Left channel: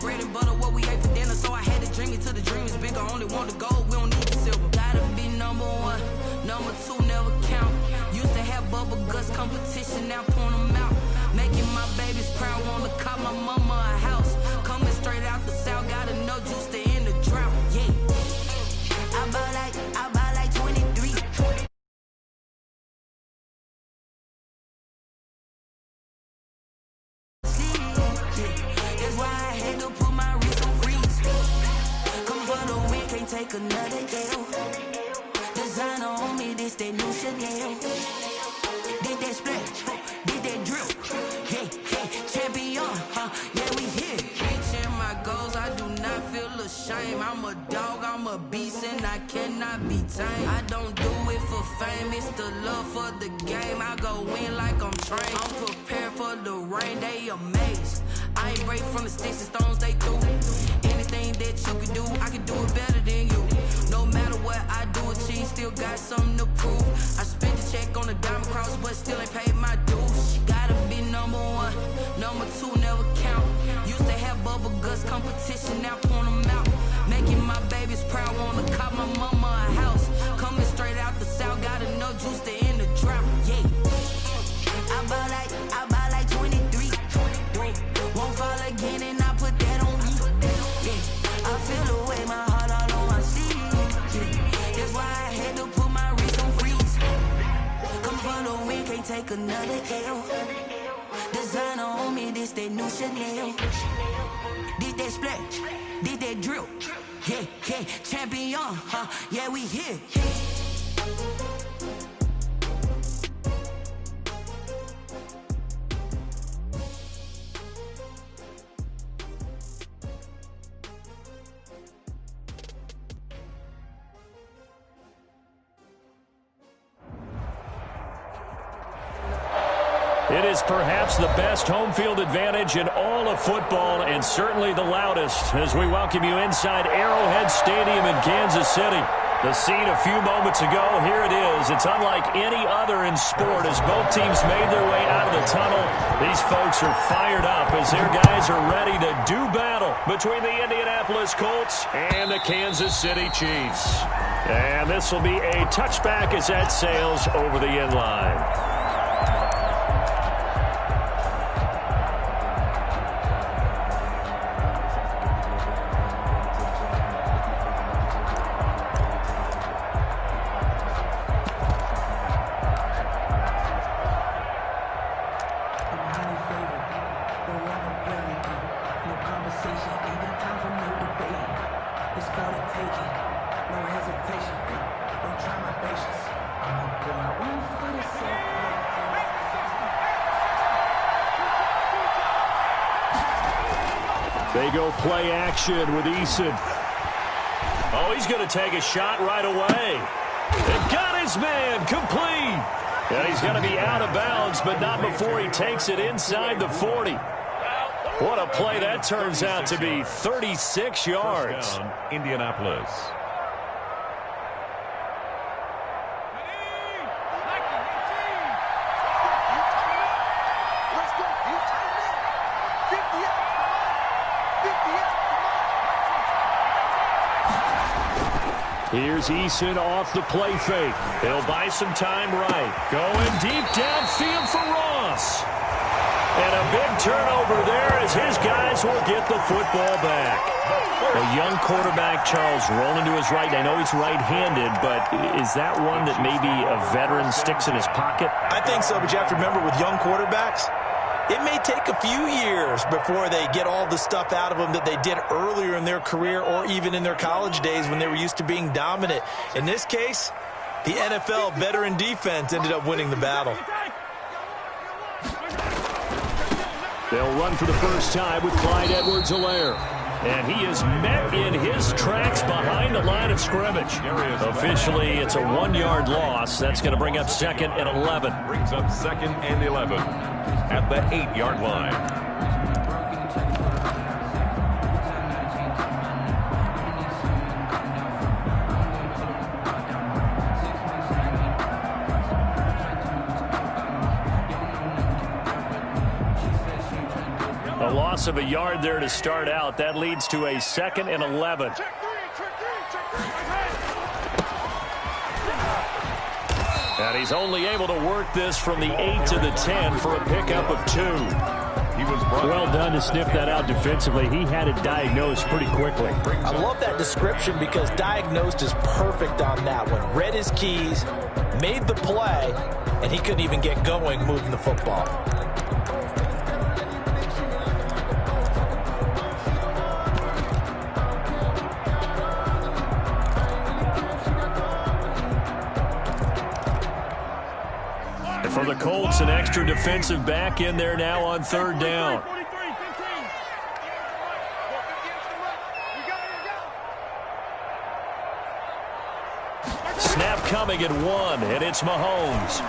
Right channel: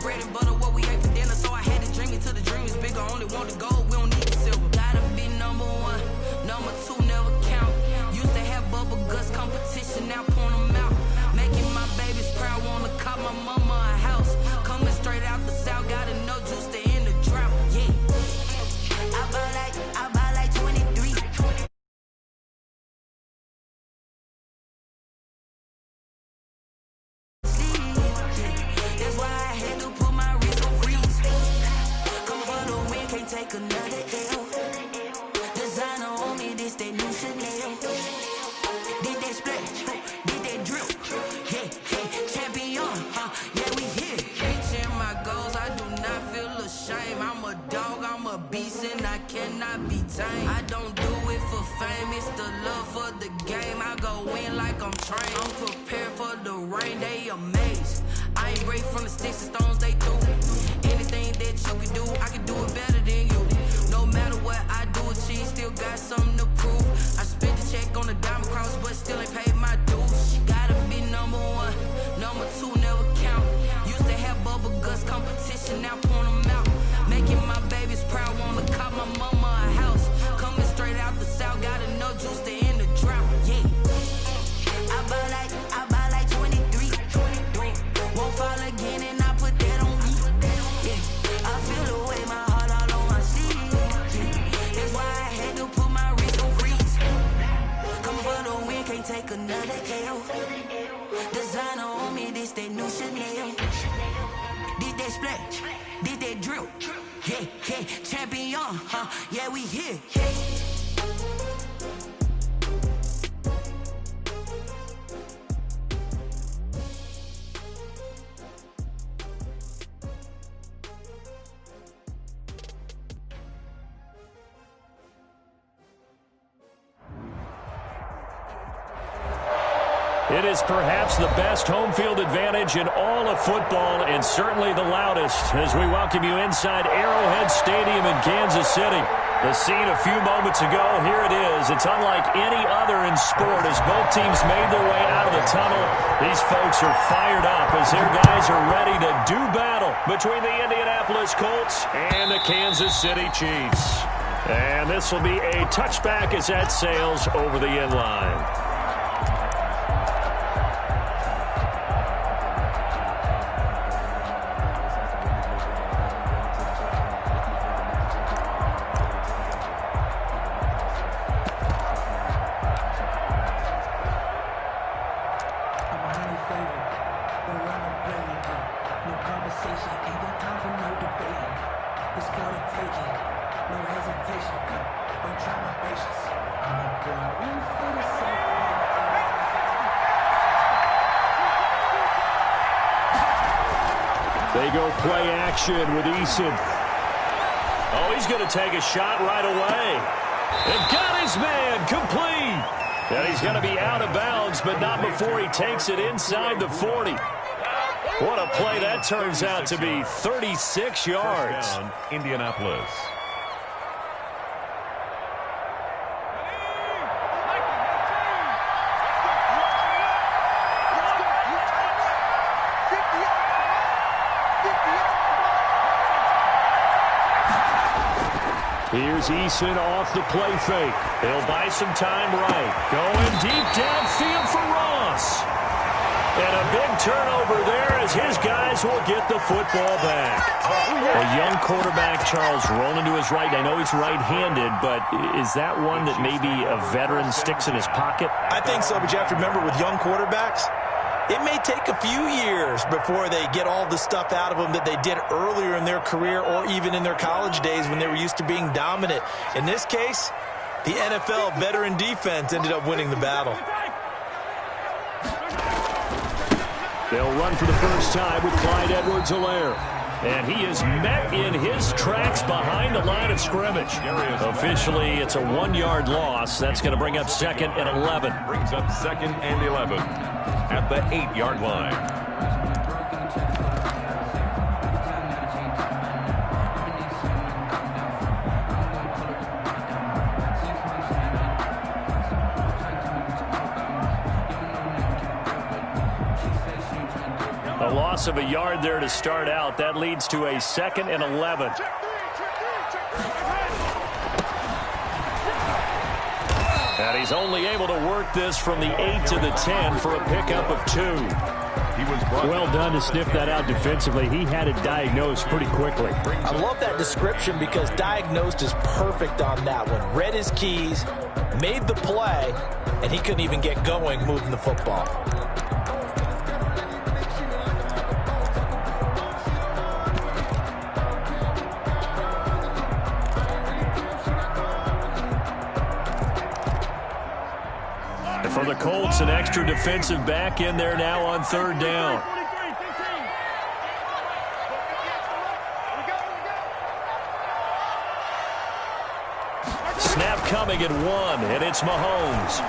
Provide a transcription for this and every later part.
bread and butter, what we ate for dinner. So I had to dream it till the dream is bigger. Only want the gold, we don't need the silver. Gotta be number one, number two never count. Used to have bubble guts competition, now point them out. Making my babies proud, wanna cop my mama a house. Coming straight out the south, got enough juice to end the drought. Yeah, I buy like 23. That's why I had to put my wrist on freeze. Coming for the win, can't take another L. Designer on me, this that new Chanel. Did that splash, did that drill. Yeah, champion, yeah, we here. Reaching my goals, I do not feel ashamed. I'm a dog, I'm a beast, and I cannot be tamed. I don't do it for fame, it's the love for the game. I go in like I'm trained. I'm prepared for the rain, they amazed. I ain't break from the sticks and stones they threw. Anything that you can do, I can do it better than you. No matter what I do, achieve, still got something to prove. I spent the check on the diamond cross, but still ain't paid my dues. Gotta be number one, number two never count. Used to have bubble guts competition, now point them out. Making my babies proud, wanna cop my mama a house. Coming straight out the south, got enough juice to end the drought. Yeah, I buy like 23. Won't fall again, and I put that on me. Yeah, I feel the way, my heart all on my sleeve. Yeah, that's why I had to put my wrist on freeze. Coming for the win, can't take another L. Designer on me, this that new Chanel. Did that splash, did that drill. Yeah, champion, yeah, we here. It is perhaps the best home field advantage in all of football, and certainly the loudest, as we welcome you inside Arrowhead Stadium in Kansas City. The scene a few moments ago, here it is. It's unlike any other in sport as both teams made their way out of the tunnel. These folks are fired up as their guys are ready to do battle between the Indianapolis Colts and the Kansas City Chiefs. And this will be a touchback as that sails over the end line. They go play action with Eason. Oh, he's going to take a shot right away. And got his man complete. And he's going to be out of bounds, but not before he takes it inside the 40. What a play that turns out to be. 36 yards. First down, Indianapolis. Here's Eason off the play fake. He'll buy some time right. Going deep downfield for Ross. And a big turnover there as his guys will get the football back. A young quarterback, Charles, rolling to his right. I know he's right-handed, but is that one that maybe a veteran sticks in his pocket? I think so, but you have to remember with young quarterbacks, it may take a few years before they get all the stuff out of them that they did earlier in their career or even in their college days when they were used to being dominant. In this case, the NFL veteran defense ended up winning the battle. They'll run for the first time with Clyde Edwards-Helaire. And he is met in his tracks behind the line of scrimmage. Officially, it's a 1-yard loss. That's going to bring up second and 11. Brings up second and 11 at the 8-yard line. A loss of a yard there to start out. That leads to a 2nd and 11. And he's only able to work this from the 8 to the 10 for a pickup of 2. Well done to sniff that out defensively. He had it diagnosed pretty quickly. I love that description because diagnosed is perfect on that one. Read his keys, made the play, and he couldn't even get going moving the football. And for the Colts, an extra defensive back in there now on 3rd down. Snap coming at 1, and it's Mahomes.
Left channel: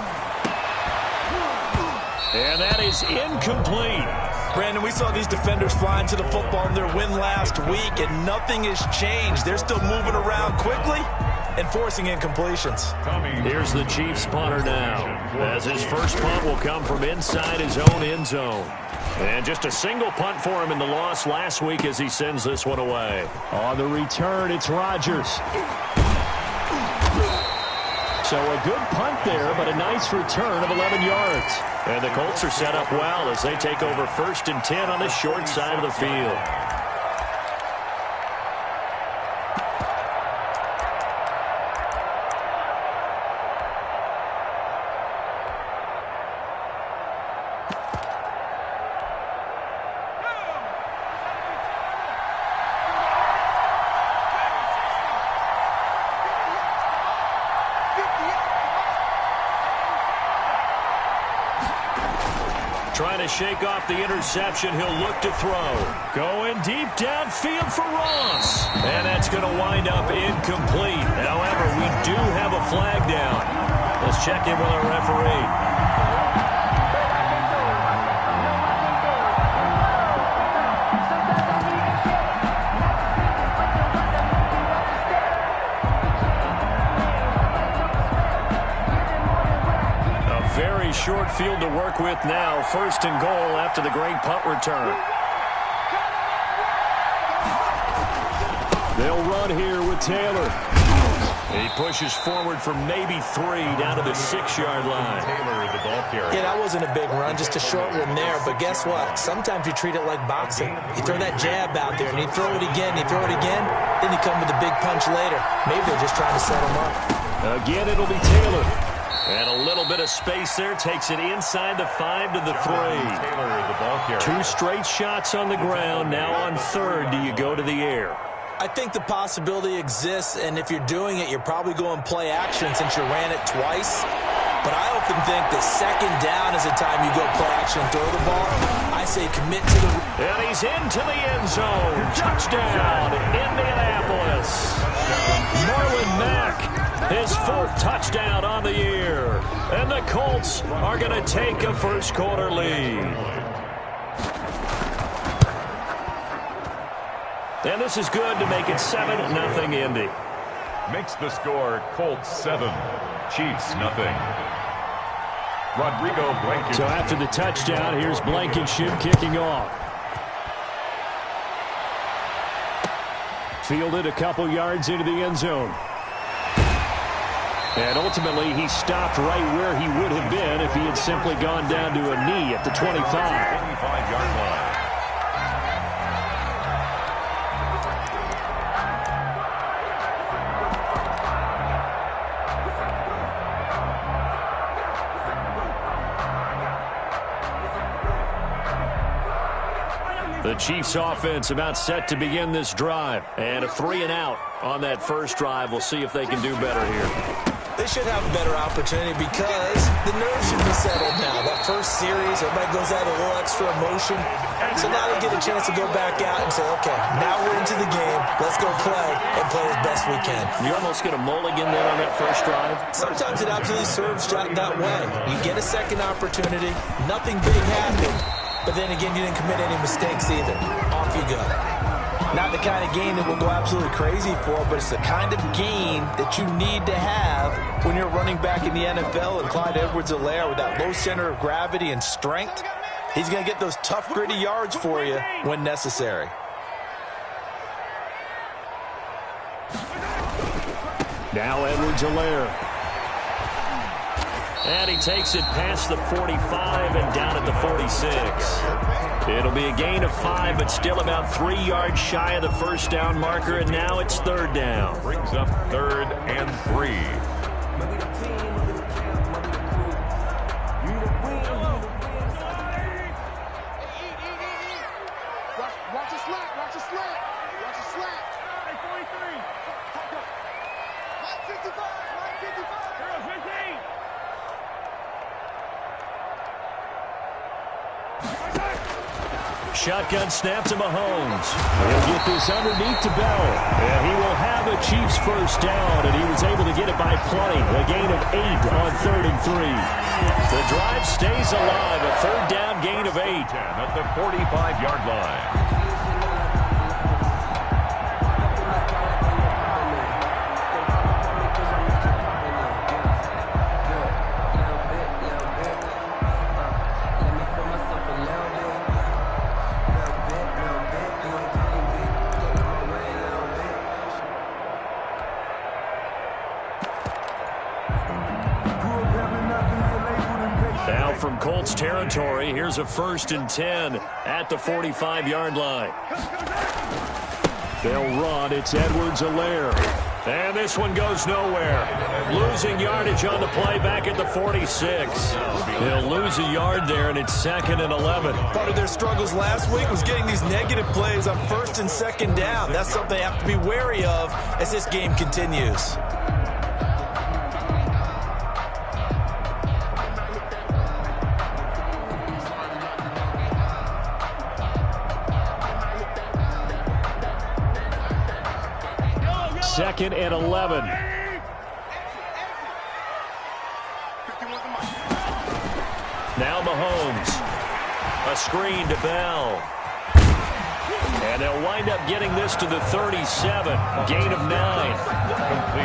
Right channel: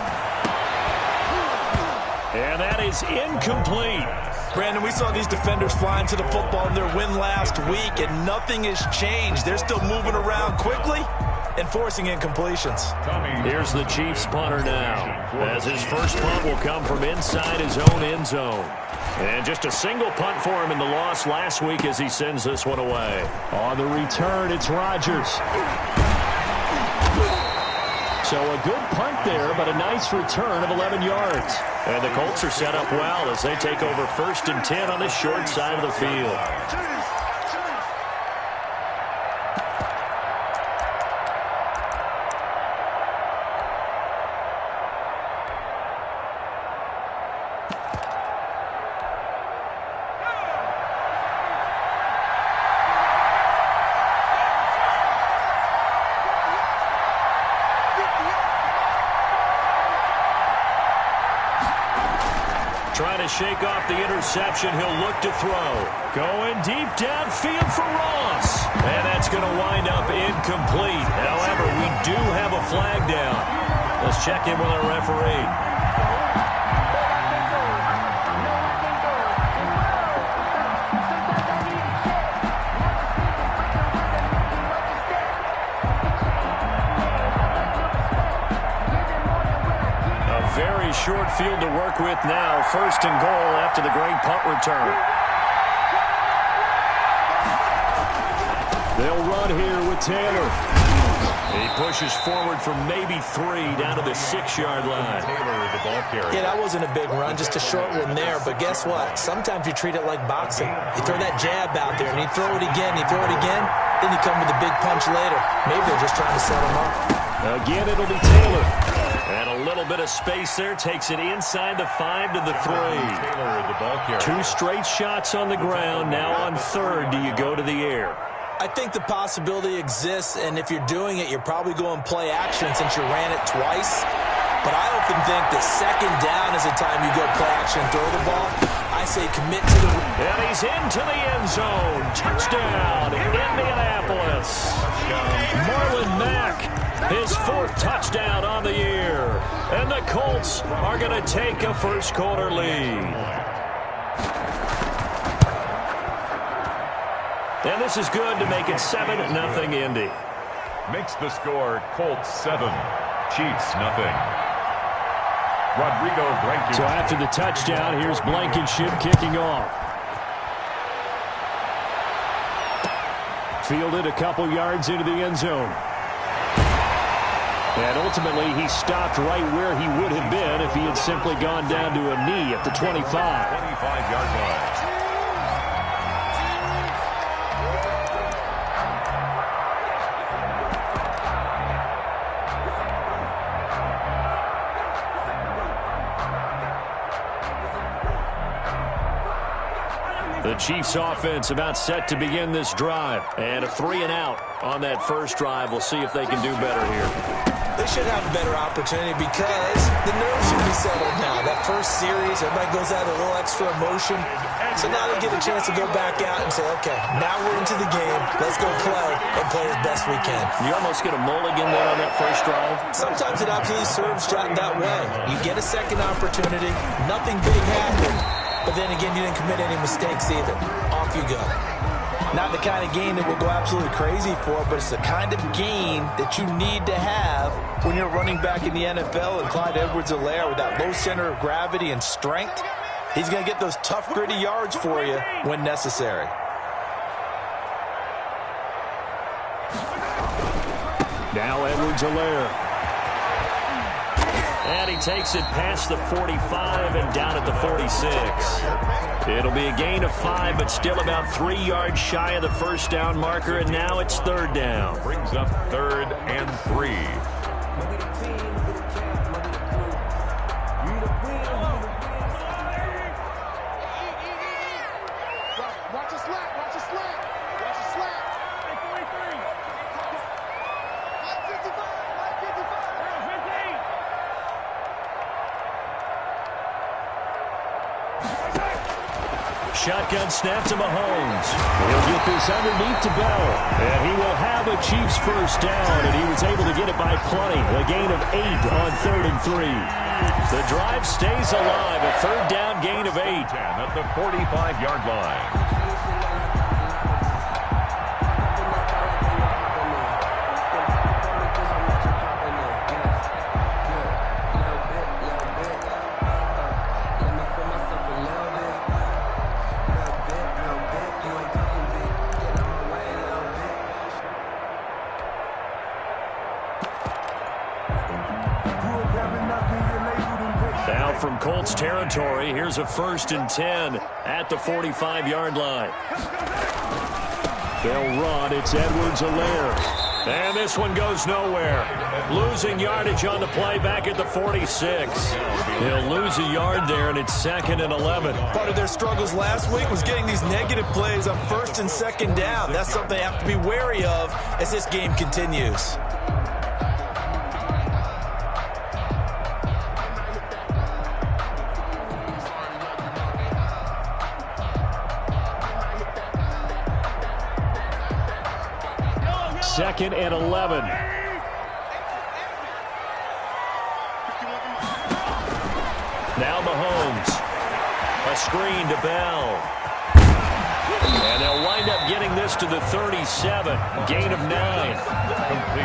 And that is incomplete. Brandon, we saw these defenders flying to the football in their win last week, and nothing has changed. They're still moving around quickly and forcing incompletions. Here's the Chiefs punter now, as his first punt will come from inside his own end zone. And just a single punt for him in the loss last week as he sends this one away. On the return, it's Rodgers. So a good punt there, but a nice return of 11 yards. And the Colts are set up well as they take over 1st and 10 on the short side of the field. Trying to shake off the interception. He'll look to throw. Going deep downfield for Ross. And that's going to wind up incomplete. However, we do have a flag down. Let's check in with our referee. Very short field to work with now. 1st and goal after the great punt return. They'll run here with Taylor. He pushes forward for maybe 3 down to the 6-yard line. Taylor, the ball carrier. Yeah, that wasn't a big run, just a short one there. But guess what? Sometimes you treat it like boxing. You throw that jab out there, and you throw it again, you throw it again, then you come with a big punch later. Maybe they're just trying to set him up. Again, it'll be Taylor. And a little bit of space there takes it inside the 5 to the 3. Taylor, the ball carrier. 2 straight shots on the ground. Now on 3rd, do you go to the air? I think the possibility exists, and if you're doing it, you're probably going play action since you ran it twice. But I often think that 2nd down is the time you go play action and throw the ball. I say commit to the... And he's into the end zone. Touchdown, Indianapolis. Marlon Mack, his 4th touchdown on the year. And the Colts are going to take a first-quarter lead. And this is good to make it 7-0 Indy. Makes the score Colts 7, Chiefs 0. Rodrigo Blankenship. So after the touchdown, here's Blankenship kicking off. Fielded a couple yards into the end zone. And ultimately, he stopped right where he would have been if he had simply gone down to a knee at the 25. 25-yard line. The Chiefs offense about set to begin this drive. And a 3-and-out on that first drive. We'll see if they can do better here. They should have a better opportunity because the nerves should be settled now. That first series, everybody goes out a little extra emotion. So now they get a chance to go back out and say, okay, now we're into the game. Let's go play and play as best we can. You almost get a mulligan there on that first drive. Sometimes it absolutely serves that way. You get a second opportunity. Nothing big happened. But then again, you didn't commit any mistakes either. Off you go. Not the kind of game that we'll go absolutely crazy for, but it's the kind of game that you need to have when you're running back in the NFL and Clyde Edwards-Helaire with that low center of gravity and strength. He's going to get those tough, gritty yards for you when necessary. Now Edwards-Helaire. And he takes it past the 45 and down at the 46. It'll be a gain of 5, but still about 3 yards shy of the first down marker, and now it's third down. Brings up 3rd and 3. Watch a slant, watch a slant, watch a slant. Hey, 43. Mike 55, Mike 55. 15. Shotgun snap to Mahomes. He'll get this underneath to Bell. And he will have a Chiefs first down, and he was able to get it by plenty. A gain of 8 on 3rd and 3. The drive stays alive. A third down gain of 8. 10 at the 45-yard line. Now from Colts territory, here's a 1st and 10 at the 45-yard line. They'll run. It's Edwards-Helaire. And this one goes nowhere. Losing yardage on the play back at the 46. He'll lose a yard there, and it's 2nd and 11. Part of their struggles last week was getting these negative plays on 1st and 2nd down. That's something they have to be wary of as this game continues. Second and 11. Now Mahomes. A screen to Bell. And they'll wind up getting this to the 37. Gain of 9.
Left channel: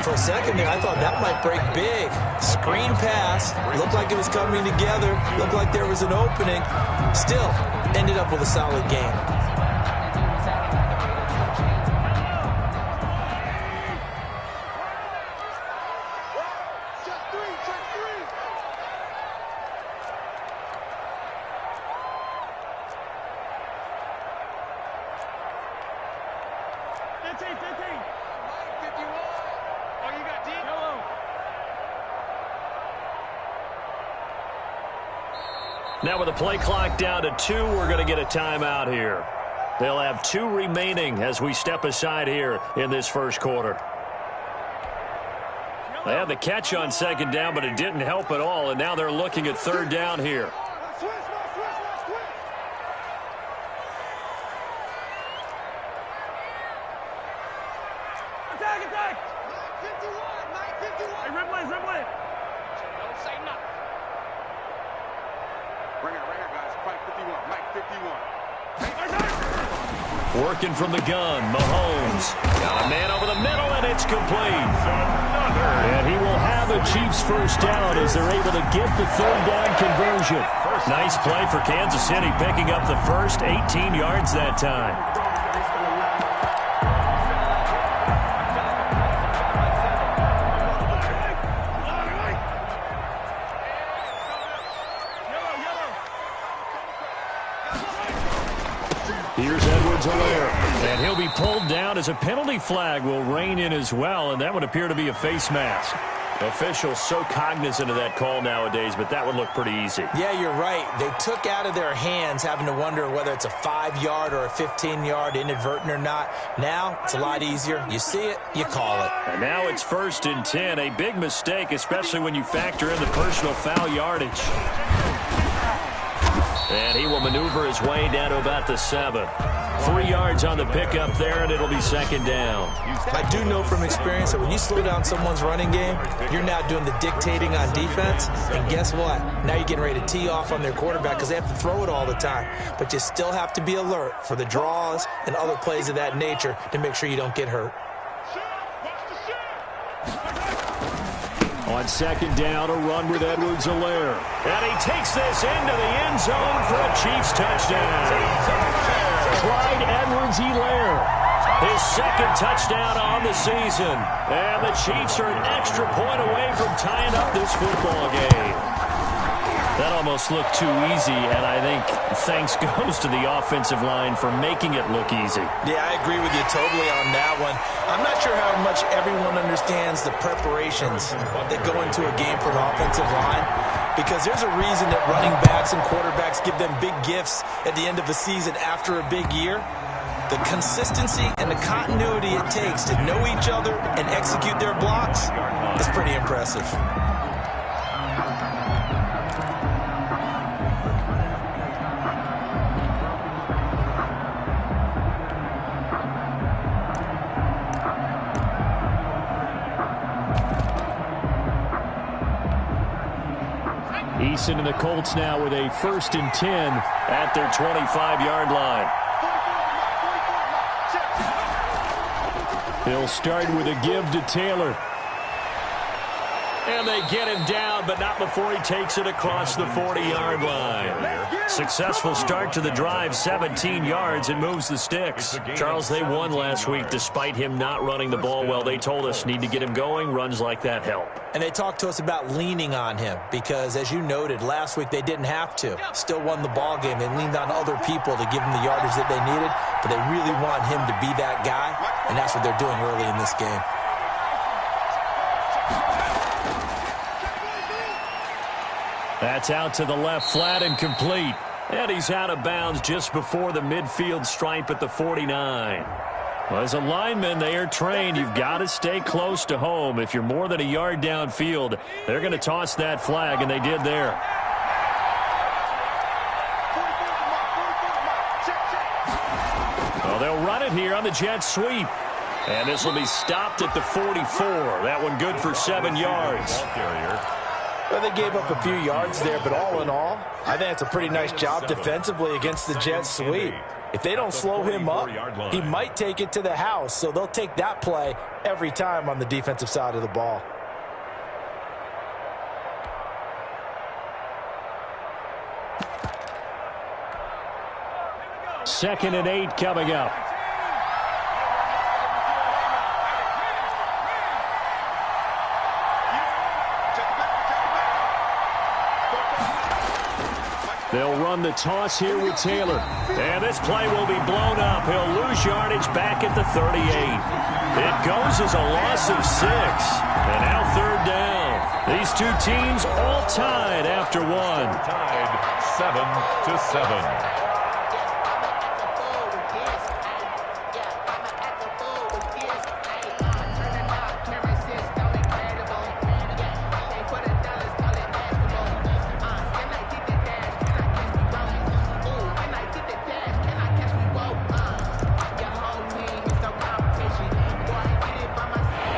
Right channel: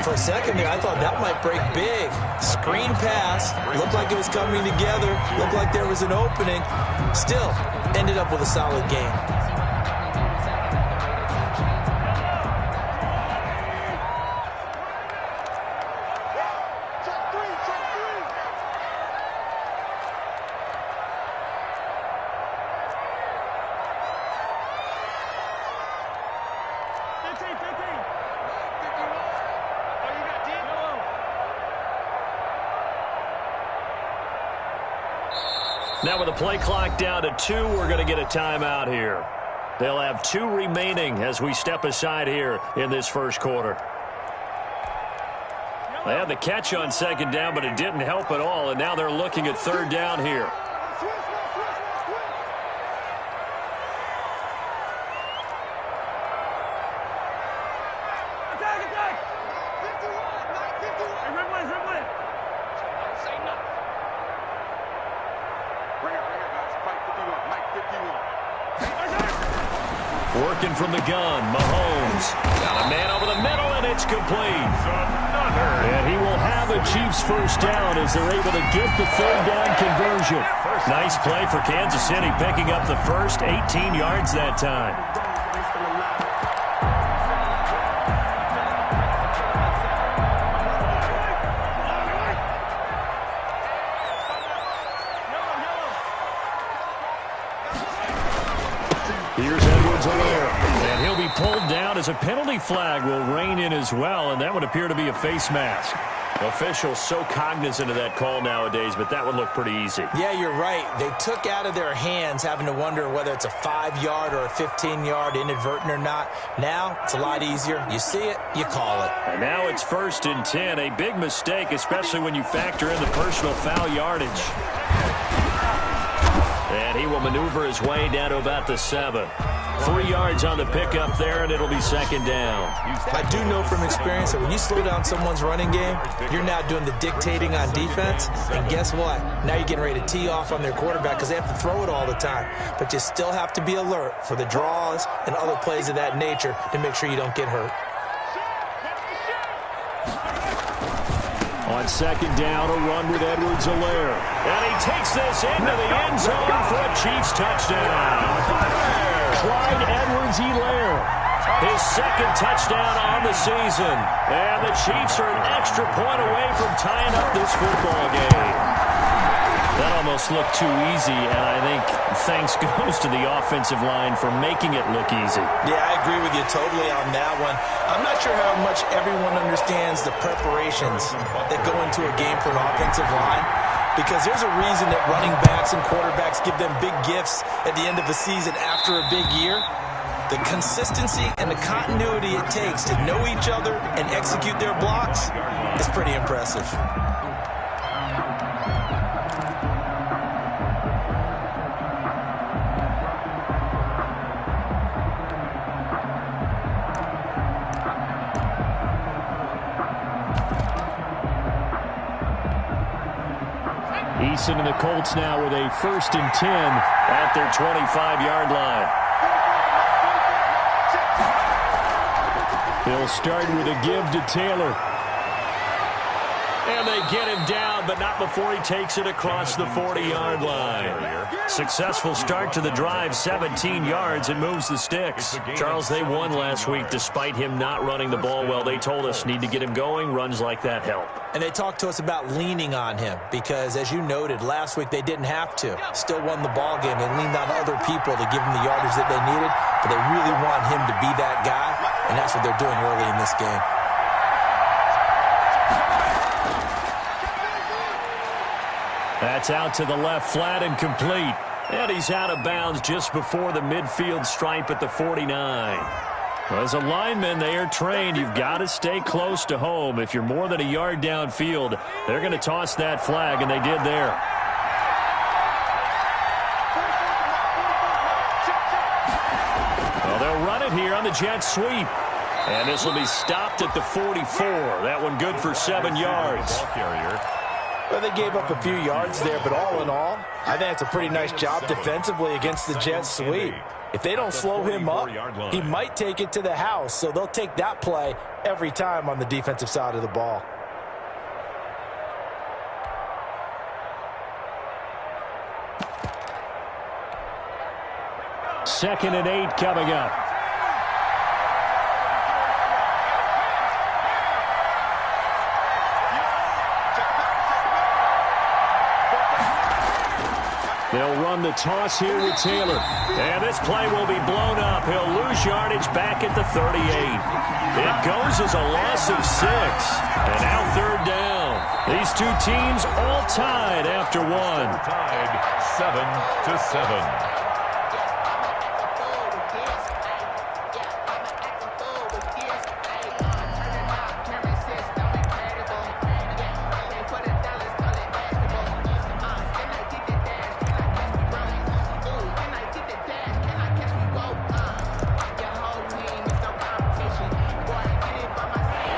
For a second there, I thought that might break big. Screen pass. Looked like it was coming together. Looked like there was an opening. Still, ended up with a solid game. Now with the play clock down to 2, we're going to get a timeout here. They'll have 2 remaining as we step aside here in this first quarter. They had the catch on 2nd down, but it didn't help at all, and now they're looking at 3rd down here. Attack! 51! Hey, Ripley! So don't say nothing. Right here, guys. Mike 51, Mike 51. Working from the gun, Mahomes. Got a man over the middle, and it's complete. And he will have a Chiefs first down as they're able to get the 3rd down conversion. Nice play for Kansas City, picking up the first 18 yards that time. Here's Edwards-Helaire. And he'll be pulled down as a penalty flag will rein in as well, and that would appear to be a face mask. Officials so cognizant of that call nowadays, but that would look pretty easy. Yeah, you're right. They took out of their hands having to wonder whether it's a 5-yard or a 15-yard inadvertent or not. Now, it's a lot easier. You see it, you call it. And now it's 1st and 10. A big mistake, especially when you factor in the personal foul yardage. And he will maneuver his way down to about the 7. 3 yards on the pickup there, and it'll be 2nd down. I do know from experience that when you slow down someone's running game, you're now doing the dictating on defense. And guess what? Now you're getting ready to tee off on their quarterback because they have to throw it all the time. But you still have to be alert for the draws and other plays of that nature to make sure you don't get hurt. On second down, a run with Edwards-Helaire. And he takes this into the end zone for a Chiefs touchdown. Clyde Edwards-Helaire. His second touchdown on the season. And the Chiefs are an extra point away from tying up this football game. That almost looked too easy, and I think thanks goes to the offensive line for making it look easy. Yeah, I agree with you totally on that one. I'm not sure how much everyone understands the preparations that go into a game for an offensive line, because there's a reason that running backs and quarterbacks give them big gifts at the end of the season after a big year. The consistency and the continuity it takes to know each other and execute their blocks is pretty impressive. Eason and the Colts now with a 1st and 10 at their 25-yard line. They'll start with a give to Taylor. And they get him down, but not before he takes it across the 40-yard line. Successful start to the drive, 17 yards, and moves the sticks. Charles, they won last week despite him not running the ball well. They told us need to get him going. Runs like that help. And they talked to us about leaning on him because, as you noted, last week they didn't have to. Still won the ball game. They leaned on other people to give them the yardage that they needed, but they really want him to be that guy, and that's what they're doing early in this game. That's out to the left, flat and complete. And he's out of bounds just before the midfield stripe at the 49. Well, as a lineman, they are trained. You've got to stay close to home. If you're more than a yard downfield, they're going to toss that flag, and they did there. Well, they'll run it here on the jet sweep. And this will be stopped at the 44. That one good for 7 yards. Well, they gave up a few yards there, but all in all, I think it's a pretty nice job defensively against the jet sweep. If they don't slow him up, he might take it to the house, so they'll take that play every time on the defensive side of the ball. Second and 8 coming up. They'll run the toss here with Taylor. And this play will be blown up. He'll lose yardage back at the 38. It goes as a loss of 6. And now 3rd down. These two teams all tied after one. Tied 7-7.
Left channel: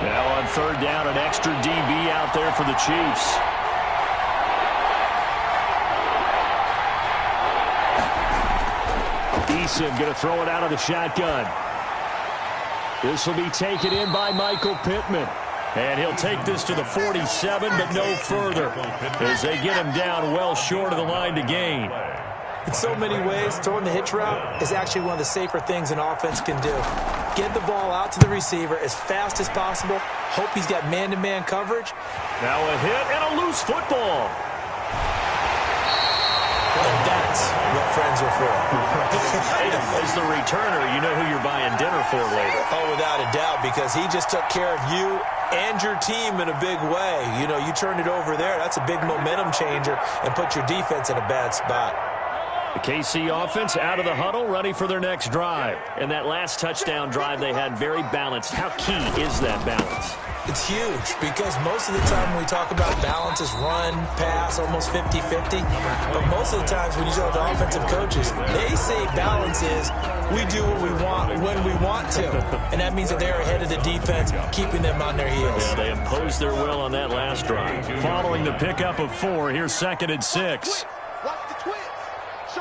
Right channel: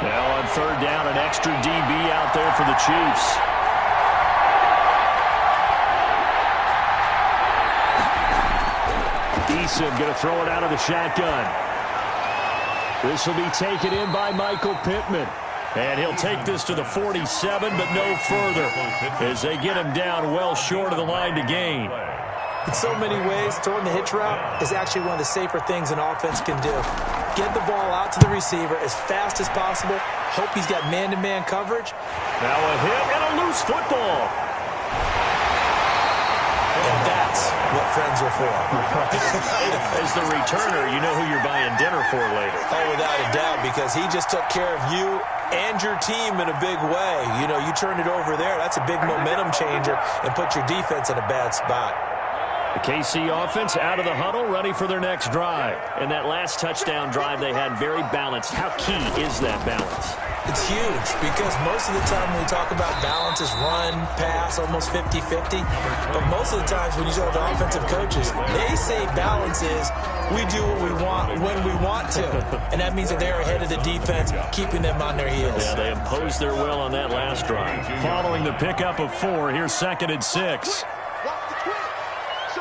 Now on 3rd down, an extra DB out there for the Chiefs. Eason going to throw it out of the shotgun. This will be taken in by Michael Pittman. And he'll take this to the 47, but no further, as they get him down well short of the line to gain. In so many ways, throwing the hitch route is actually one of the safer things an offense can do. Get the ball out to the receiver as fast as possible. Hope he's got man-to-man coverage. Now a hit and a loose football. And that's what friends are for. As the returner, you know who you're buying dinner for later. Oh, without a doubt, because he just took care of you and your team in a big way. You know, you turned it over there. That's a big momentum changer and put your defense in a bad spot. The KC offense out of the huddle, ready for their next drive. And that last touchdown drive they had very balanced. How key is that balance? It's huge because most of the time when we talk about balance is run, pass, almost 50-50. But most of the times when you talk to offensive coaches, they say balance is we do what we want when we want to. And that means that they're ahead of the defense, keeping them on their heels. Yeah, they imposed their will on that last drive. Following the pickup of 4, here's 2nd and 6. Watch the twist. Show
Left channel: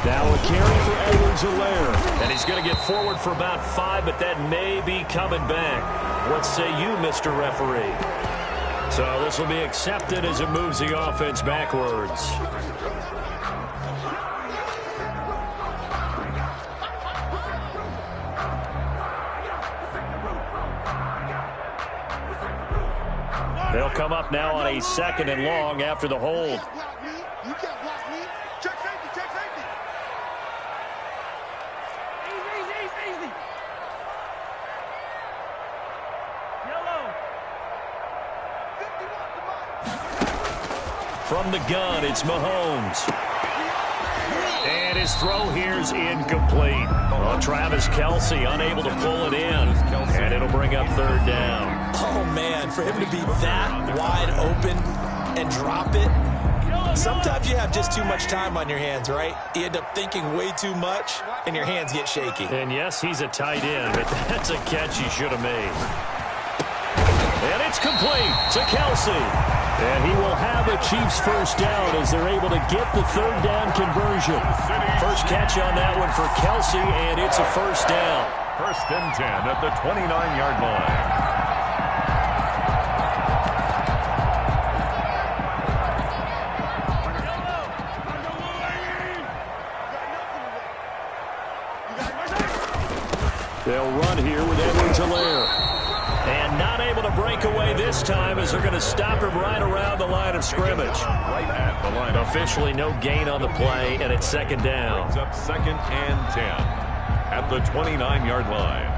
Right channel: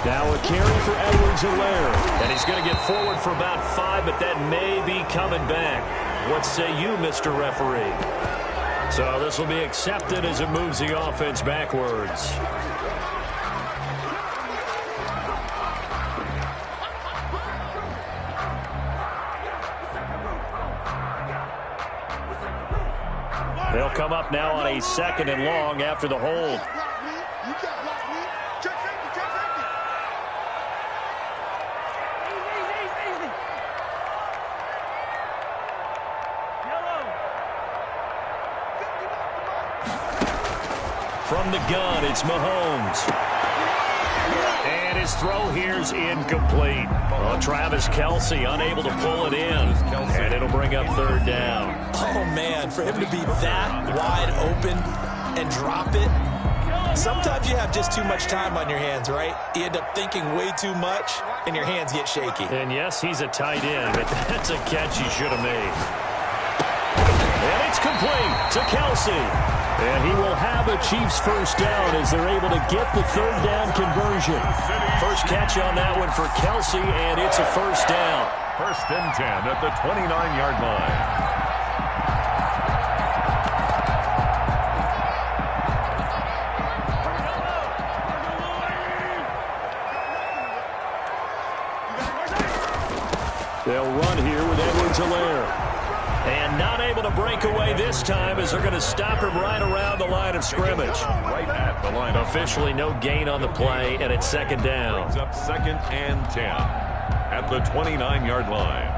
it. Now a carry for Edwards-Helaire. And he's going to get forward for about 5, but that may be coming back. What say you, Mr. Referee? So this will be accepted as it moves the offense backwards. They'll come up now on a 2nd and long after the hold. You can't block me. Check safety, check safety. Easy. Yellow. 51 From the gun, it's Mahomes. And his throw here's incomplete. Well, Travis Kelce unable to pull it in. And it'll bring up 3rd down. Oh, man, for him to be that wide open and drop it. Sometimes you have just too much time on your hands, right? You end up thinking way too much, and your hands get shaky. And yes, he's a tight end, but that's a catch he should have made. And it's complete to Kelce. And he will have a Chiefs 1st down as they're able to get the 3rd down conversion. First catch on that one for Kelce, and it's a 1st down. 1st and 10 at the 29-yard line. They'll run here with Edwards-Helaire. And not able to break away this time as they're going to stop him right around the line of scrimmage. Right at the line. Officially no gain on the play, and it's 2nd down. Brings up 2nd and 10 at the 29-yard line.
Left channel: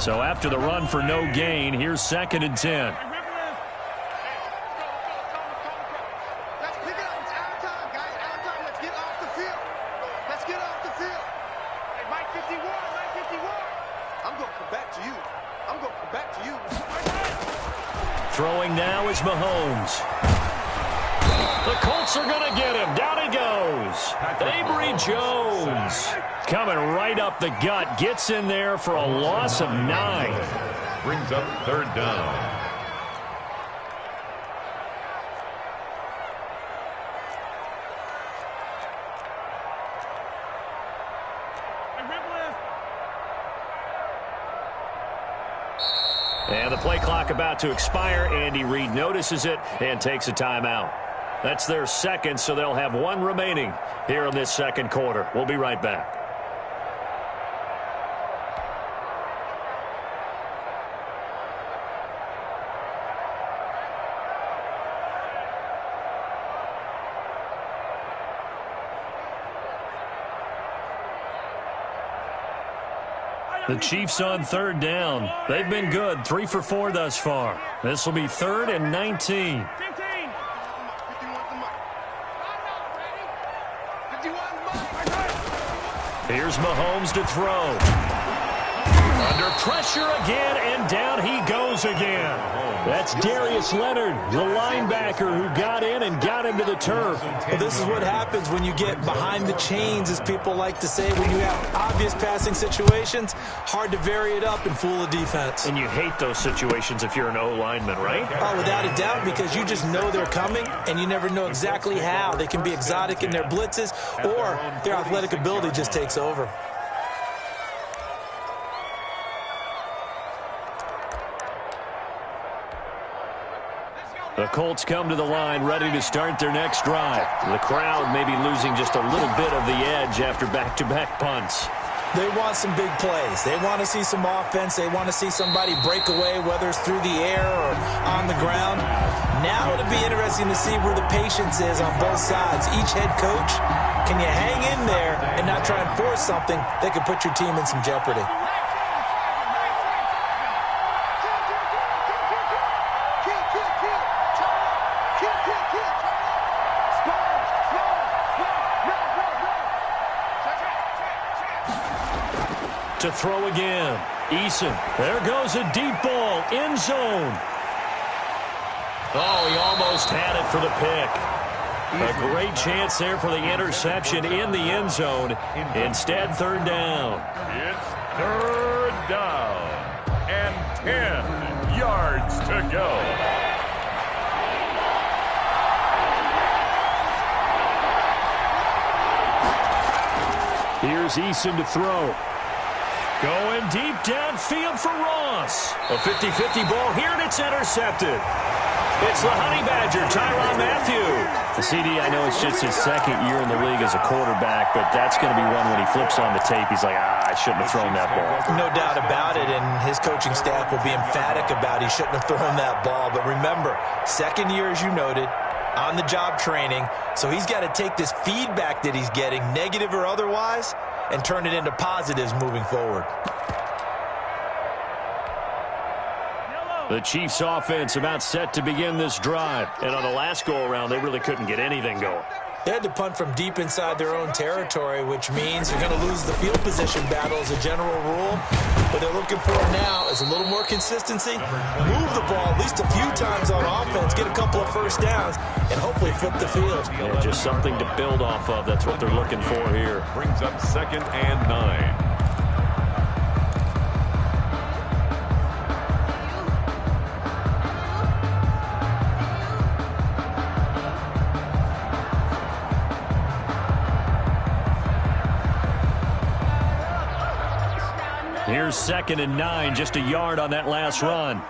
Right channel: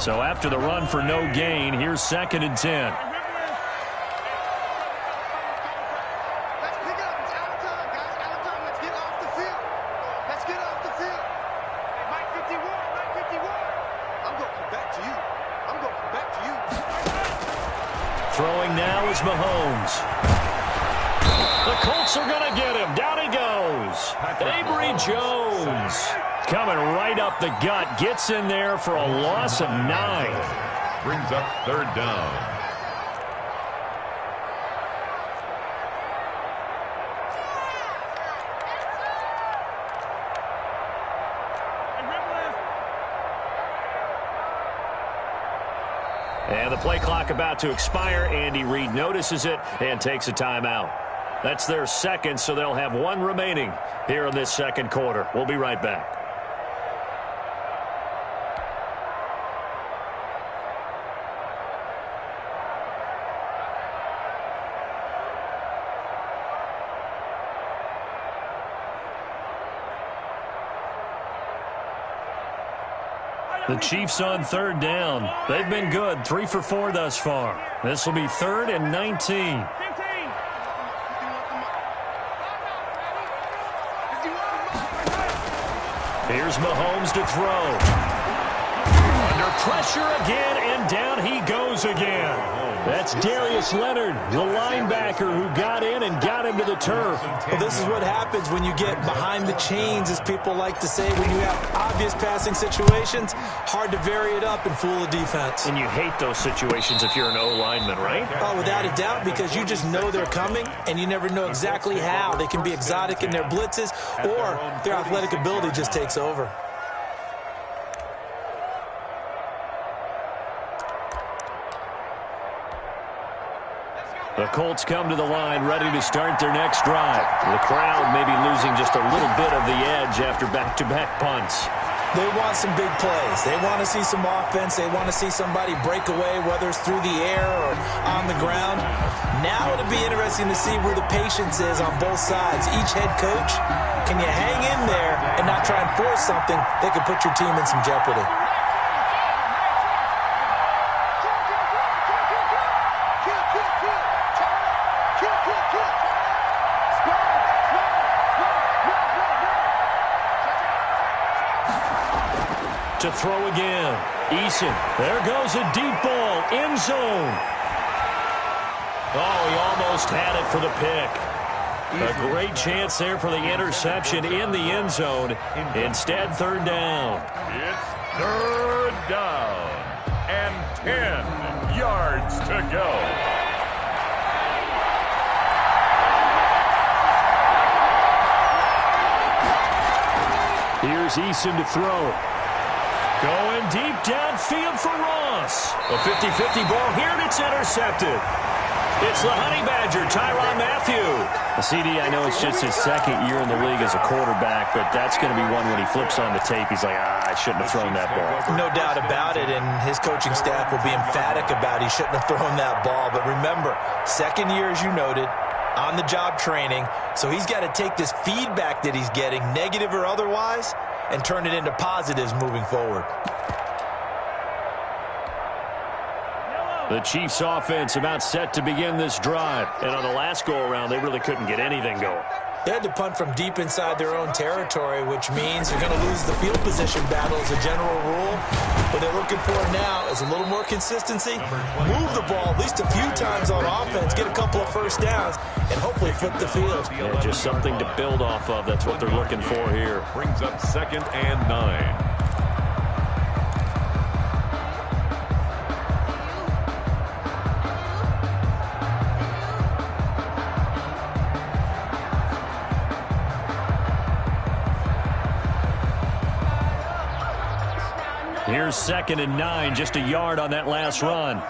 So after the run for no gain, here's 2nd and 10. Let's pick it up. It's out of time, guys. Out of time. Let's get off the field. Let's get off the field. Hey, Mike 51. I'm going to come back to you. Throwing now is Mahomes. The Colts are going to get him. Down he goes. Avery Jones coming right up the gut. Gets in there for a loss of 9. Brings up 3rd down. And the play clock about to expire. Andy Reid notices it and takes a timeout. That's their 2nd, so they'll have 1 remaining here in this 2nd quarter. We'll be right back. The Chiefs on 3rd down. They've been good, 3 for 4 thus far. This will be 3rd and 19. 15. Here's Mahomes to throw. Under pressure again, and down he goes again. That's Darius Leonard, the linebacker who got in and got into the turf. Well, this is what happens when you get behind the chains, as people like to say. When you have obvious passing situations, hard to vary it up and fool a defense. And you hate those situations if you're an O-lineman, right? Oh, without a doubt, because you just know they're coming, and you never know exactly how. They can be exotic in their blitzes, or their athletic ability just takes over. The Colts come to the line ready to start their next drive. The crowd may be losing just a little bit of the edge after back-to-back punts. They want some big plays. They want to see some offense. They want to see somebody break away, whether it's through the air or on the ground. Now it'll be interesting to see where the patience is on both sides. Each head coach, can you hang in there and not try and force something that could put your team in some jeopardy? To throw again. Eason. There goes a deep ball. End zone. Oh, he almost had it for the pick. A great chance there for the interception in the end zone. Instead, 3rd down. It's 3rd down. and 10 yards to go. Here's Eason to throw. Going deep downfield for Ross. A 50-50 ball here, and it's intercepted. It's the Honey Badger, Tyrann Mathieu. The CD, I know it's just his second year in the league as a quarterback, but that's going to be one when he flips on the tape. He's like, I shouldn't have thrown that ball. No doubt about it, and his coaching staff will be emphatic about he shouldn't have thrown that ball. But remember, second year, as you noted, on-the-job training, so he's got to take this feedback that he's getting, negative or otherwise, and turn it into positives moving forward. The Chiefs' offense about set to begin this drive. And on the last go-around, they really couldn't get anything going. They had to punt from deep inside their own territory, which means you're going to lose the field position battle as a general rule. What they're looking for now is a little more consistency, move the ball at least a few times on offense, get a couple of first downs, and hopefully flip the field. Yeah, just something to build off of. That's what they're looking for here. Brings up 2nd and 9. Here's 2nd and 9, just a yard on that last run.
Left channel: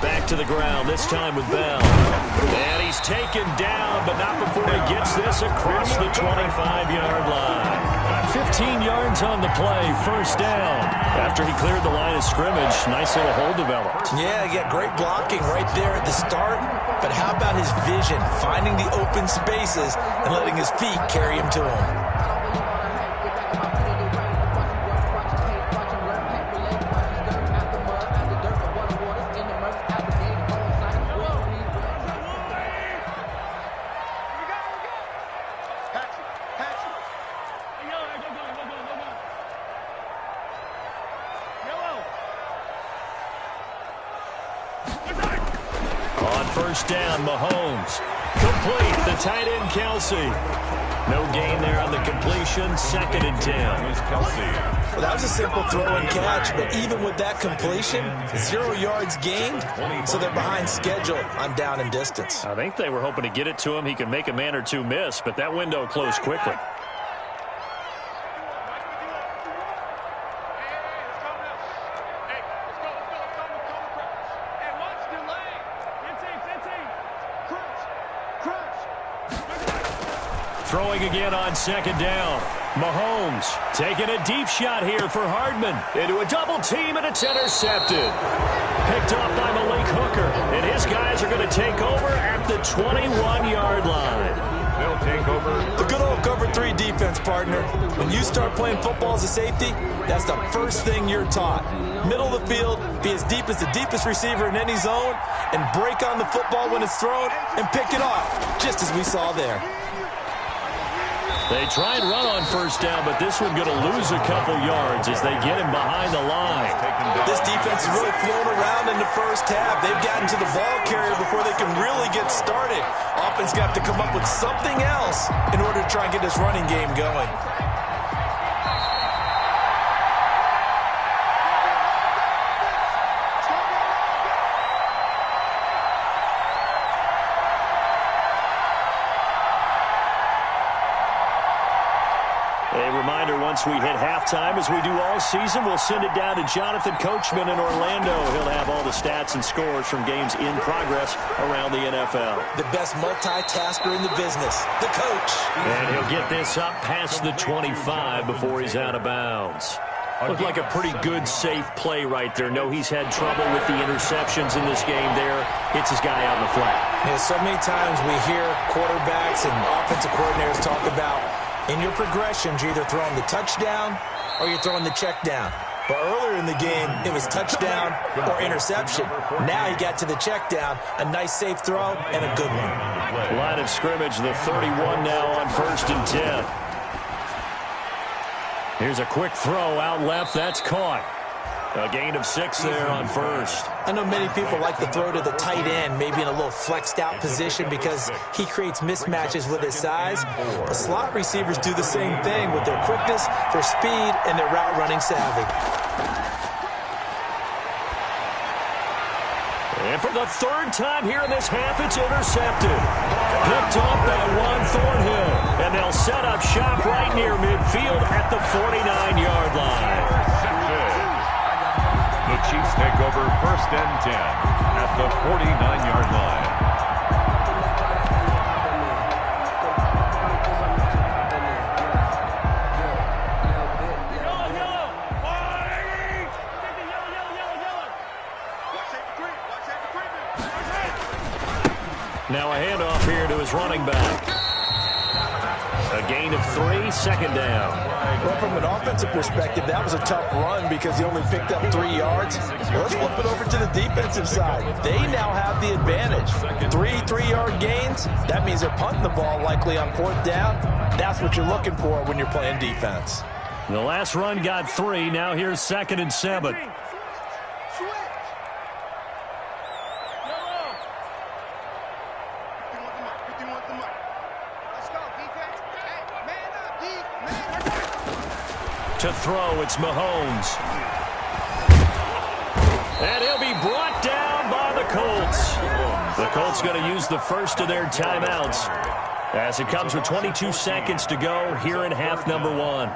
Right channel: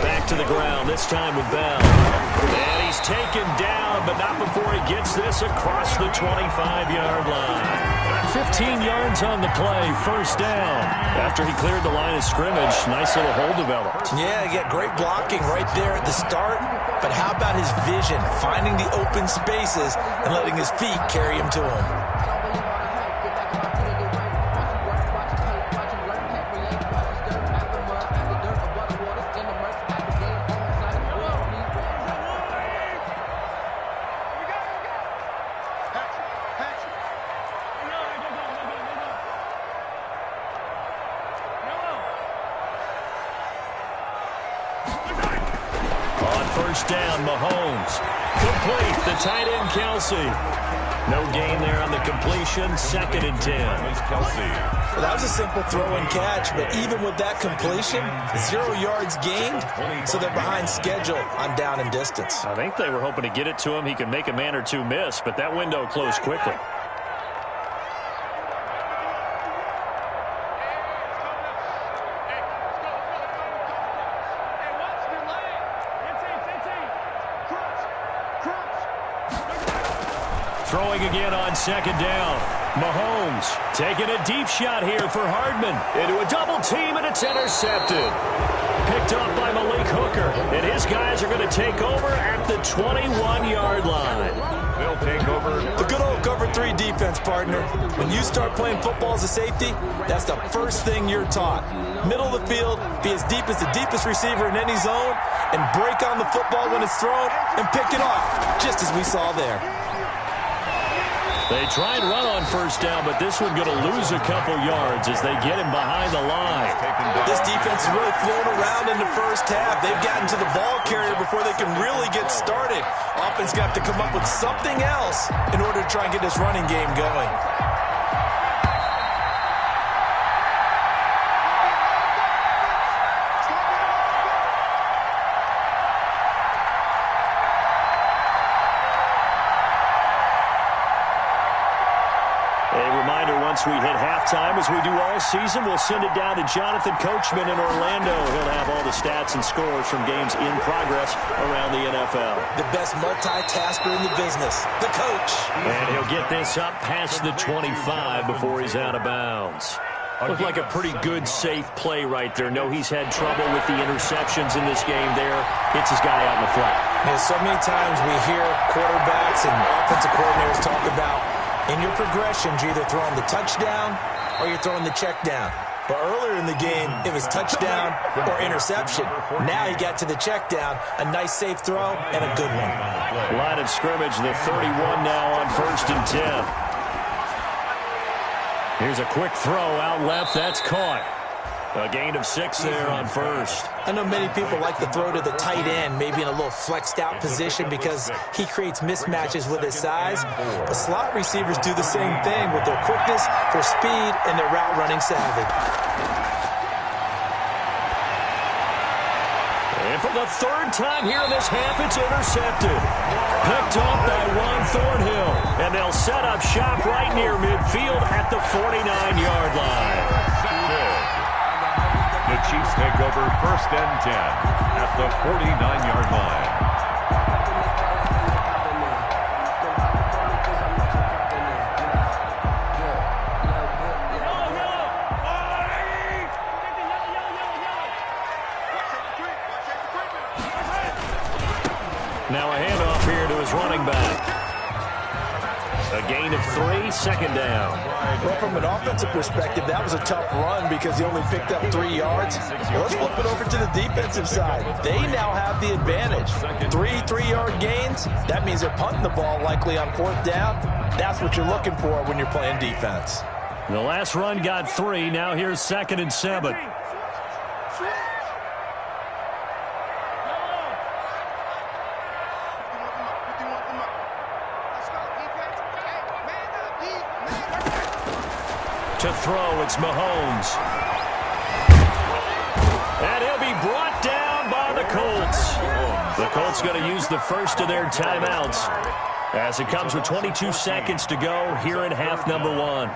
Back to the ground, this time with Bell. And he's taken down, but not before he gets this across the 25-yard line. 15 yards on the play, first down. After he cleared the line of scrimmage, nice little hole developed. Yeah, he got great blocking right there at the start. But how about his vision, finding the open spaces and letting his feet carry him to him? First down, Mahomes. Complete, the tight end, Kelsey. No gain there on the completion, 2nd and 10. Well, that was a simple throw and catch, but even with that completion, 0 yards gained, so they're behind schedule on down and distance. I think they were hoping to get it to him. He could make a man or two miss, but that window closed quickly. Throwing again on 2nd down. Mahomes taking a deep shot here for Hardman. Into a double team, and it's intercepted. Picked up by Malik Hooker. And his guys are going to take over at the 21-yard line. They'll take over. The good old cover 3 defense, partner. When you start playing football as a safety, that's the first thing you're taught. Middle of the field, be as deep as the deepest receiver in any zone, and break on the football when it's thrown and pick it off, just as we saw there. They try and run on first down, but this one going to lose a couple yards as they get him behind the line. This defense is really flown around in the first half. They've gotten to the ball carrier before they can really get started. Offense got to come up with something else in order to try and get this running game going. Once we hit halftime, as we do all season, we'll send it down to Jonathan Coachman in Orlando. He'll have all the stats and scores from games in progress around the NFL. The best multitasker in the business, the coach. And he'll get this up past the 25 before he's out of bounds. Looked like a pretty good, safe play right there. No, he's had trouble with the interceptions in this game there. Hits his guy out in the flat. Yeah, so many times we hear quarterbacks and offensive coordinators talk about in your progressions, you're either throwing the touchdown or you're throwing the check down. But earlier in the game, it was touchdown or interception. Now he got to the check down, a nice safe throw, and a good one. Line of scrimmage, the 31 now on 1st and 10. Here's a quick throw out left. That's caught. A gain of 6 there on first. I know many people like to throw to the tight end, maybe in a little flexed out position because he creates mismatches with his size. But slot receivers do the same thing with their quickness, their speed, and their route running savvy. And for the third time here in this half, it's intercepted. Picked off by Juan Thornhill. And they'll set up shop right near midfield at the 49-yard line. The Chiefs take over 1st and 10 at the 49-yard line. Now a handoff here to his running back. A gain of 3, second down. Well, from an offensive perspective, that was a tough run because he only picked up 3 yards. Well, let's flip it over to the defensive side. They now have the advantage. 3 3-yard gains. That means they're punting the ball likely on 4th down. That's what you're looking for when you're playing defense. The last run got 3. Now here's 2nd and 7. To throw, it's Mahomes. And he'll be brought down by the Colts. The Colts going to use the first of their timeouts as it comes with 22 seconds to go here in half number 1.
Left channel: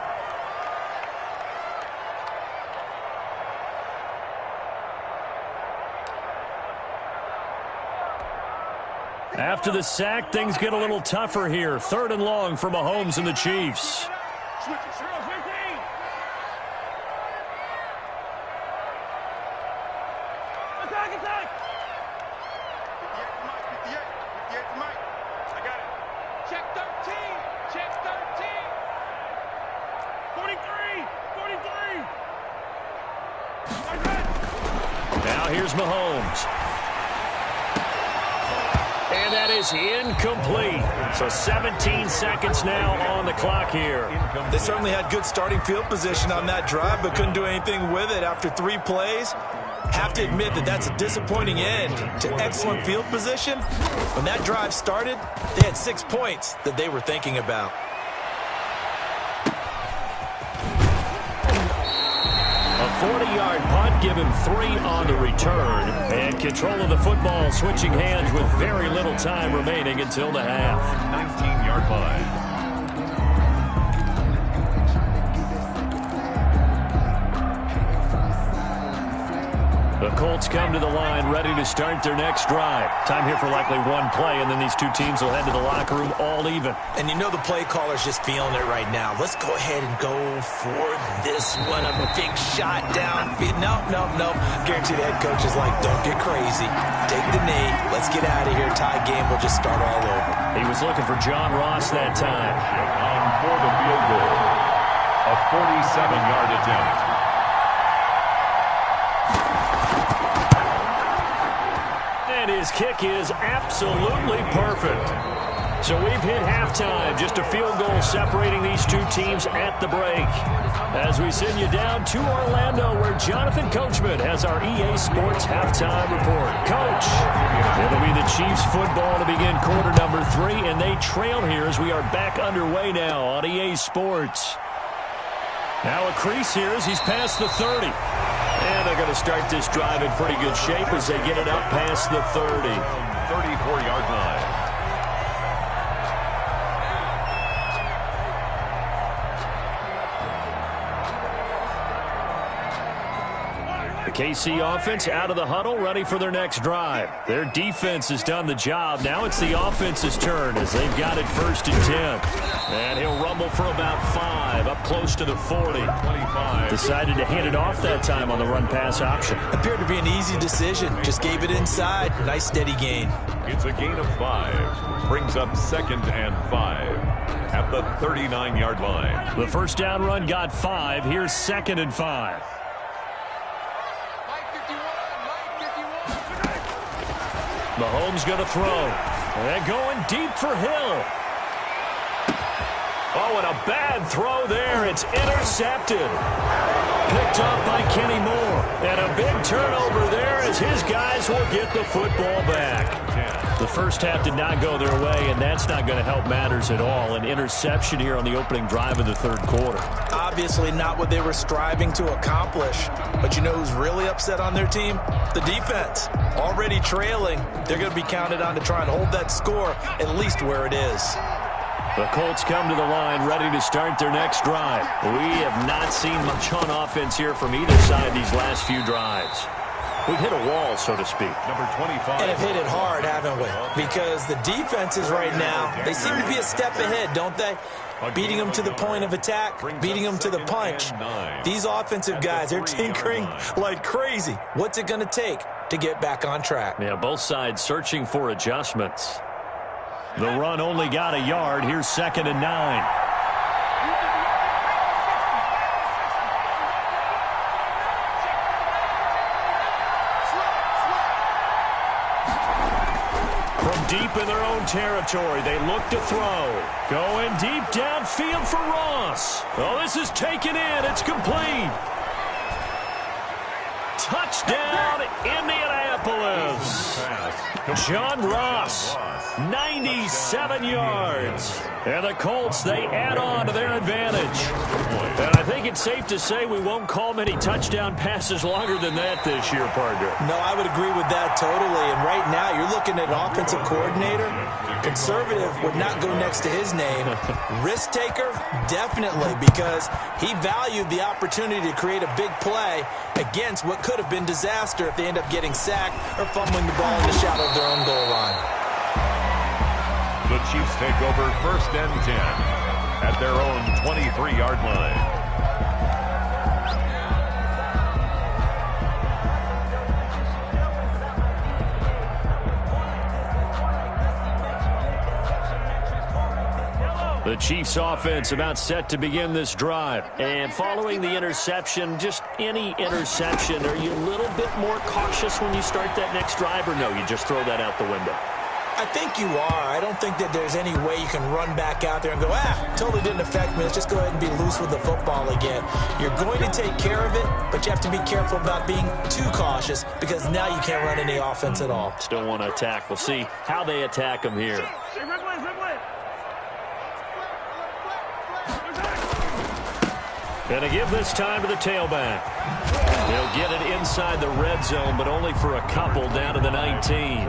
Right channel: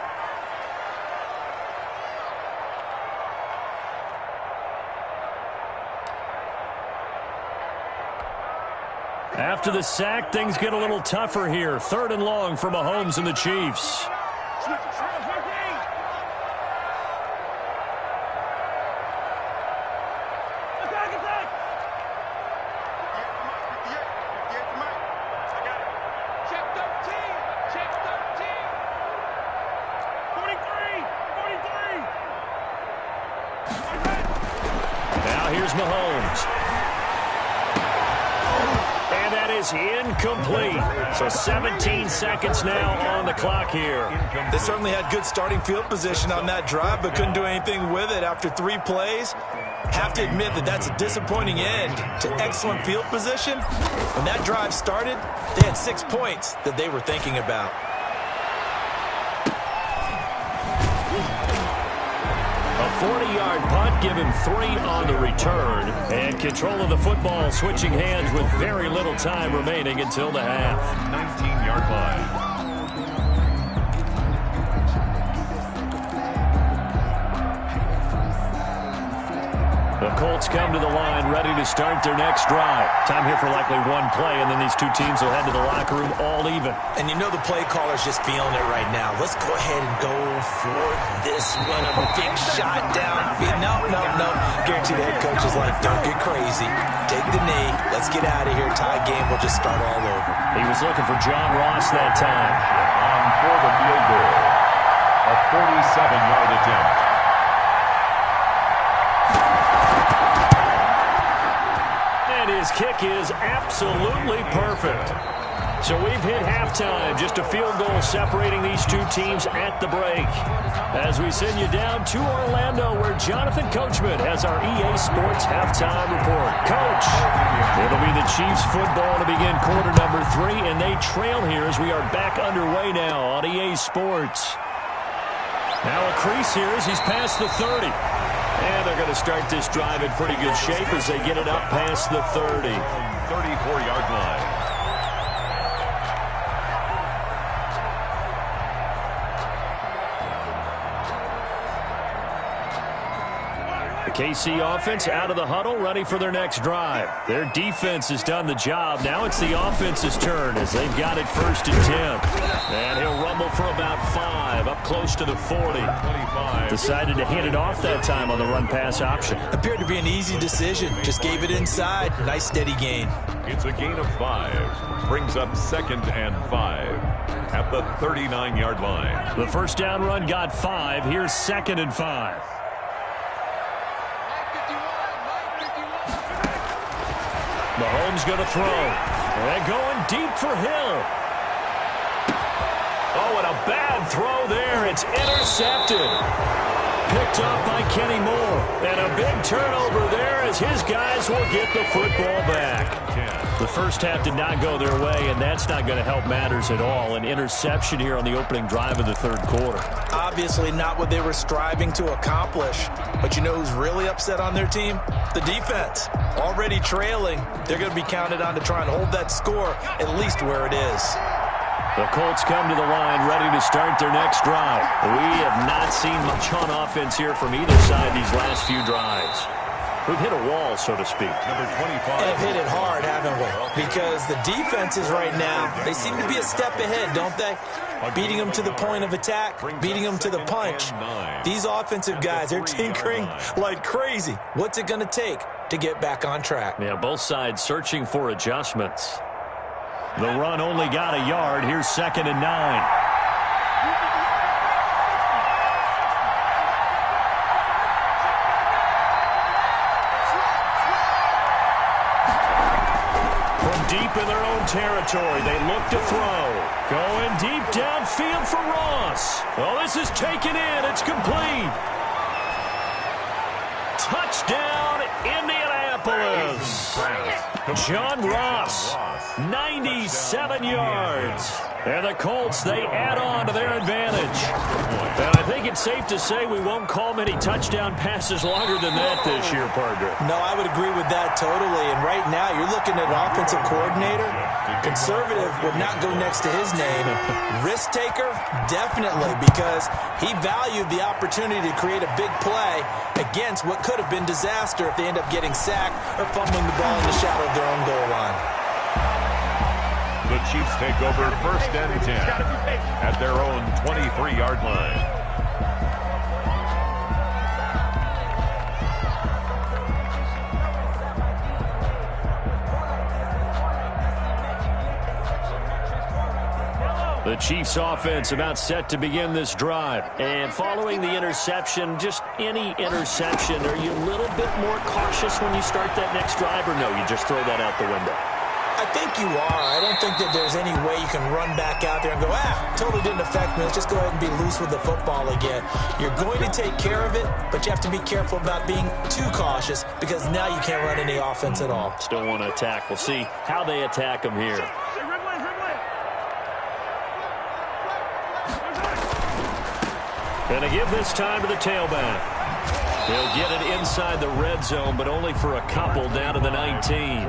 After the sack, things get a little tougher here. 3rd and long for Mahomes and the Chiefs. Now here's Mahomes. And that is incomplete. So 17 seconds now on the clock here. They certainly had good starting field position on that drive, but couldn't do anything with it after 3 plays. Have to admit that that's a disappointing end to excellent field position. When that drive started, they had 6 points that they were thinking about. A 40-yard punt, give him 3 on the return. And control of the football switching hands with very little time remaining until the half. 19-yard line. The Colts come to the line ready to start their next drive. Time here for likely 1 play, and then these 2 teams will head to the locker room all even. And you know the play caller's just feeling it right now. Let's go ahead and go for this one. A big shot downfield. No. Guaranteed the head coach is like, don't get crazy. Take the knee. Let's get out of here. Tie game. We'll just start all over. He was looking for John Ross that time. On for the field goal. A 47-yard attempt. And his kick is absolutely perfect. So we've hit halftime. Just a field goal separating these 2 teams at the break. As we send you down to Orlando, where Jonathan Coachman has our EA Sports halftime report. Coach, it'll be the Chiefs football to begin quarter number 3, and they trail here as we are back underway now on EA Sports. Now a crease here as he's past the 30. And they're going to start this drive in pretty good shape as they get it up past the 30. 34-yard line. The KC offense out of the huddle, ready for their next drive. Their defense has done the job. Now it's the offense's turn as they've got it 1st and 10. And he'll rumble for about 5, up close to the 40. 25. Decided to hand it off that time on the run-pass option. Appeared to be an easy decision. Just gave it inside. Nice steady gain. It's a gain of 5. Brings up 2nd and 5 at the 39-yard line. The first down run got 5. Here's 2nd and 5. Mahomes going to throw. And going deep for Hill. Oh, and a bad throw there. It's intercepted. picked off by Kenny Moore. And a big turnover there as his guys will get the football back. The first half did not go their way, and that's not going to help matters at all. An interception here on the opening drive of the third quarter. Obviously not what they were striving to accomplish. But you know who's really upset on their team? The defense. Already trailing. They're going to be counted on to try and hold that score at least where it is. The Colts come to the line ready to start their next drive. We have not seen much on offense here from either side these last few drives. We've hit a wall, so to speak. Number 25. And have hit it hard, haven't we? Because the defenses right now, they seem to be a step ahead, don't they? Beating them to the point of attack, beating them to the punch. These offensive guys, they're tinkering like crazy. What's it going to take to get back on track? Yeah, both sides searching for adjustments. The run only got a yard. Here's 2nd and 9. From deep in their own territory, they look to throw. Going deep downfield for Ross. Oh, this is taken in. It's complete. Touchdown, Indianapolis. John Ross, 97 yards. And the Colts, they add on to their advantage. And I think it's safe to say we won't call many touchdown passes longer than that this year, partner. No, I would agree with that totally. And right now, you're looking at an offensive coordinator. Conservative would not go next to his name. Risk taker, definitely, because he valued the opportunity to create a big play against what could have been disaster if they end up getting sacked or fumbling the ball in the shadow of their own goal line. The Chiefs take over 1st and 10 at their own 23-yard line. The Chiefs offense about set to begin this drive. And following the interception, just any interception, are you a little bit more cautious when you start that next drive, or no, you just throw that out the window? I think you are. I don't think that there's any way you can run back out there and go, totally didn't affect me. Let's just go ahead and be loose with the football again. You're going to take care of it, but you have to be careful about being too cautious because now you can't run any offense at all. Still want to attack. We'll see how they attack them here. Gonna give this time to the tailback. He'll get it inside the red zone, but only for a couple down to the 19.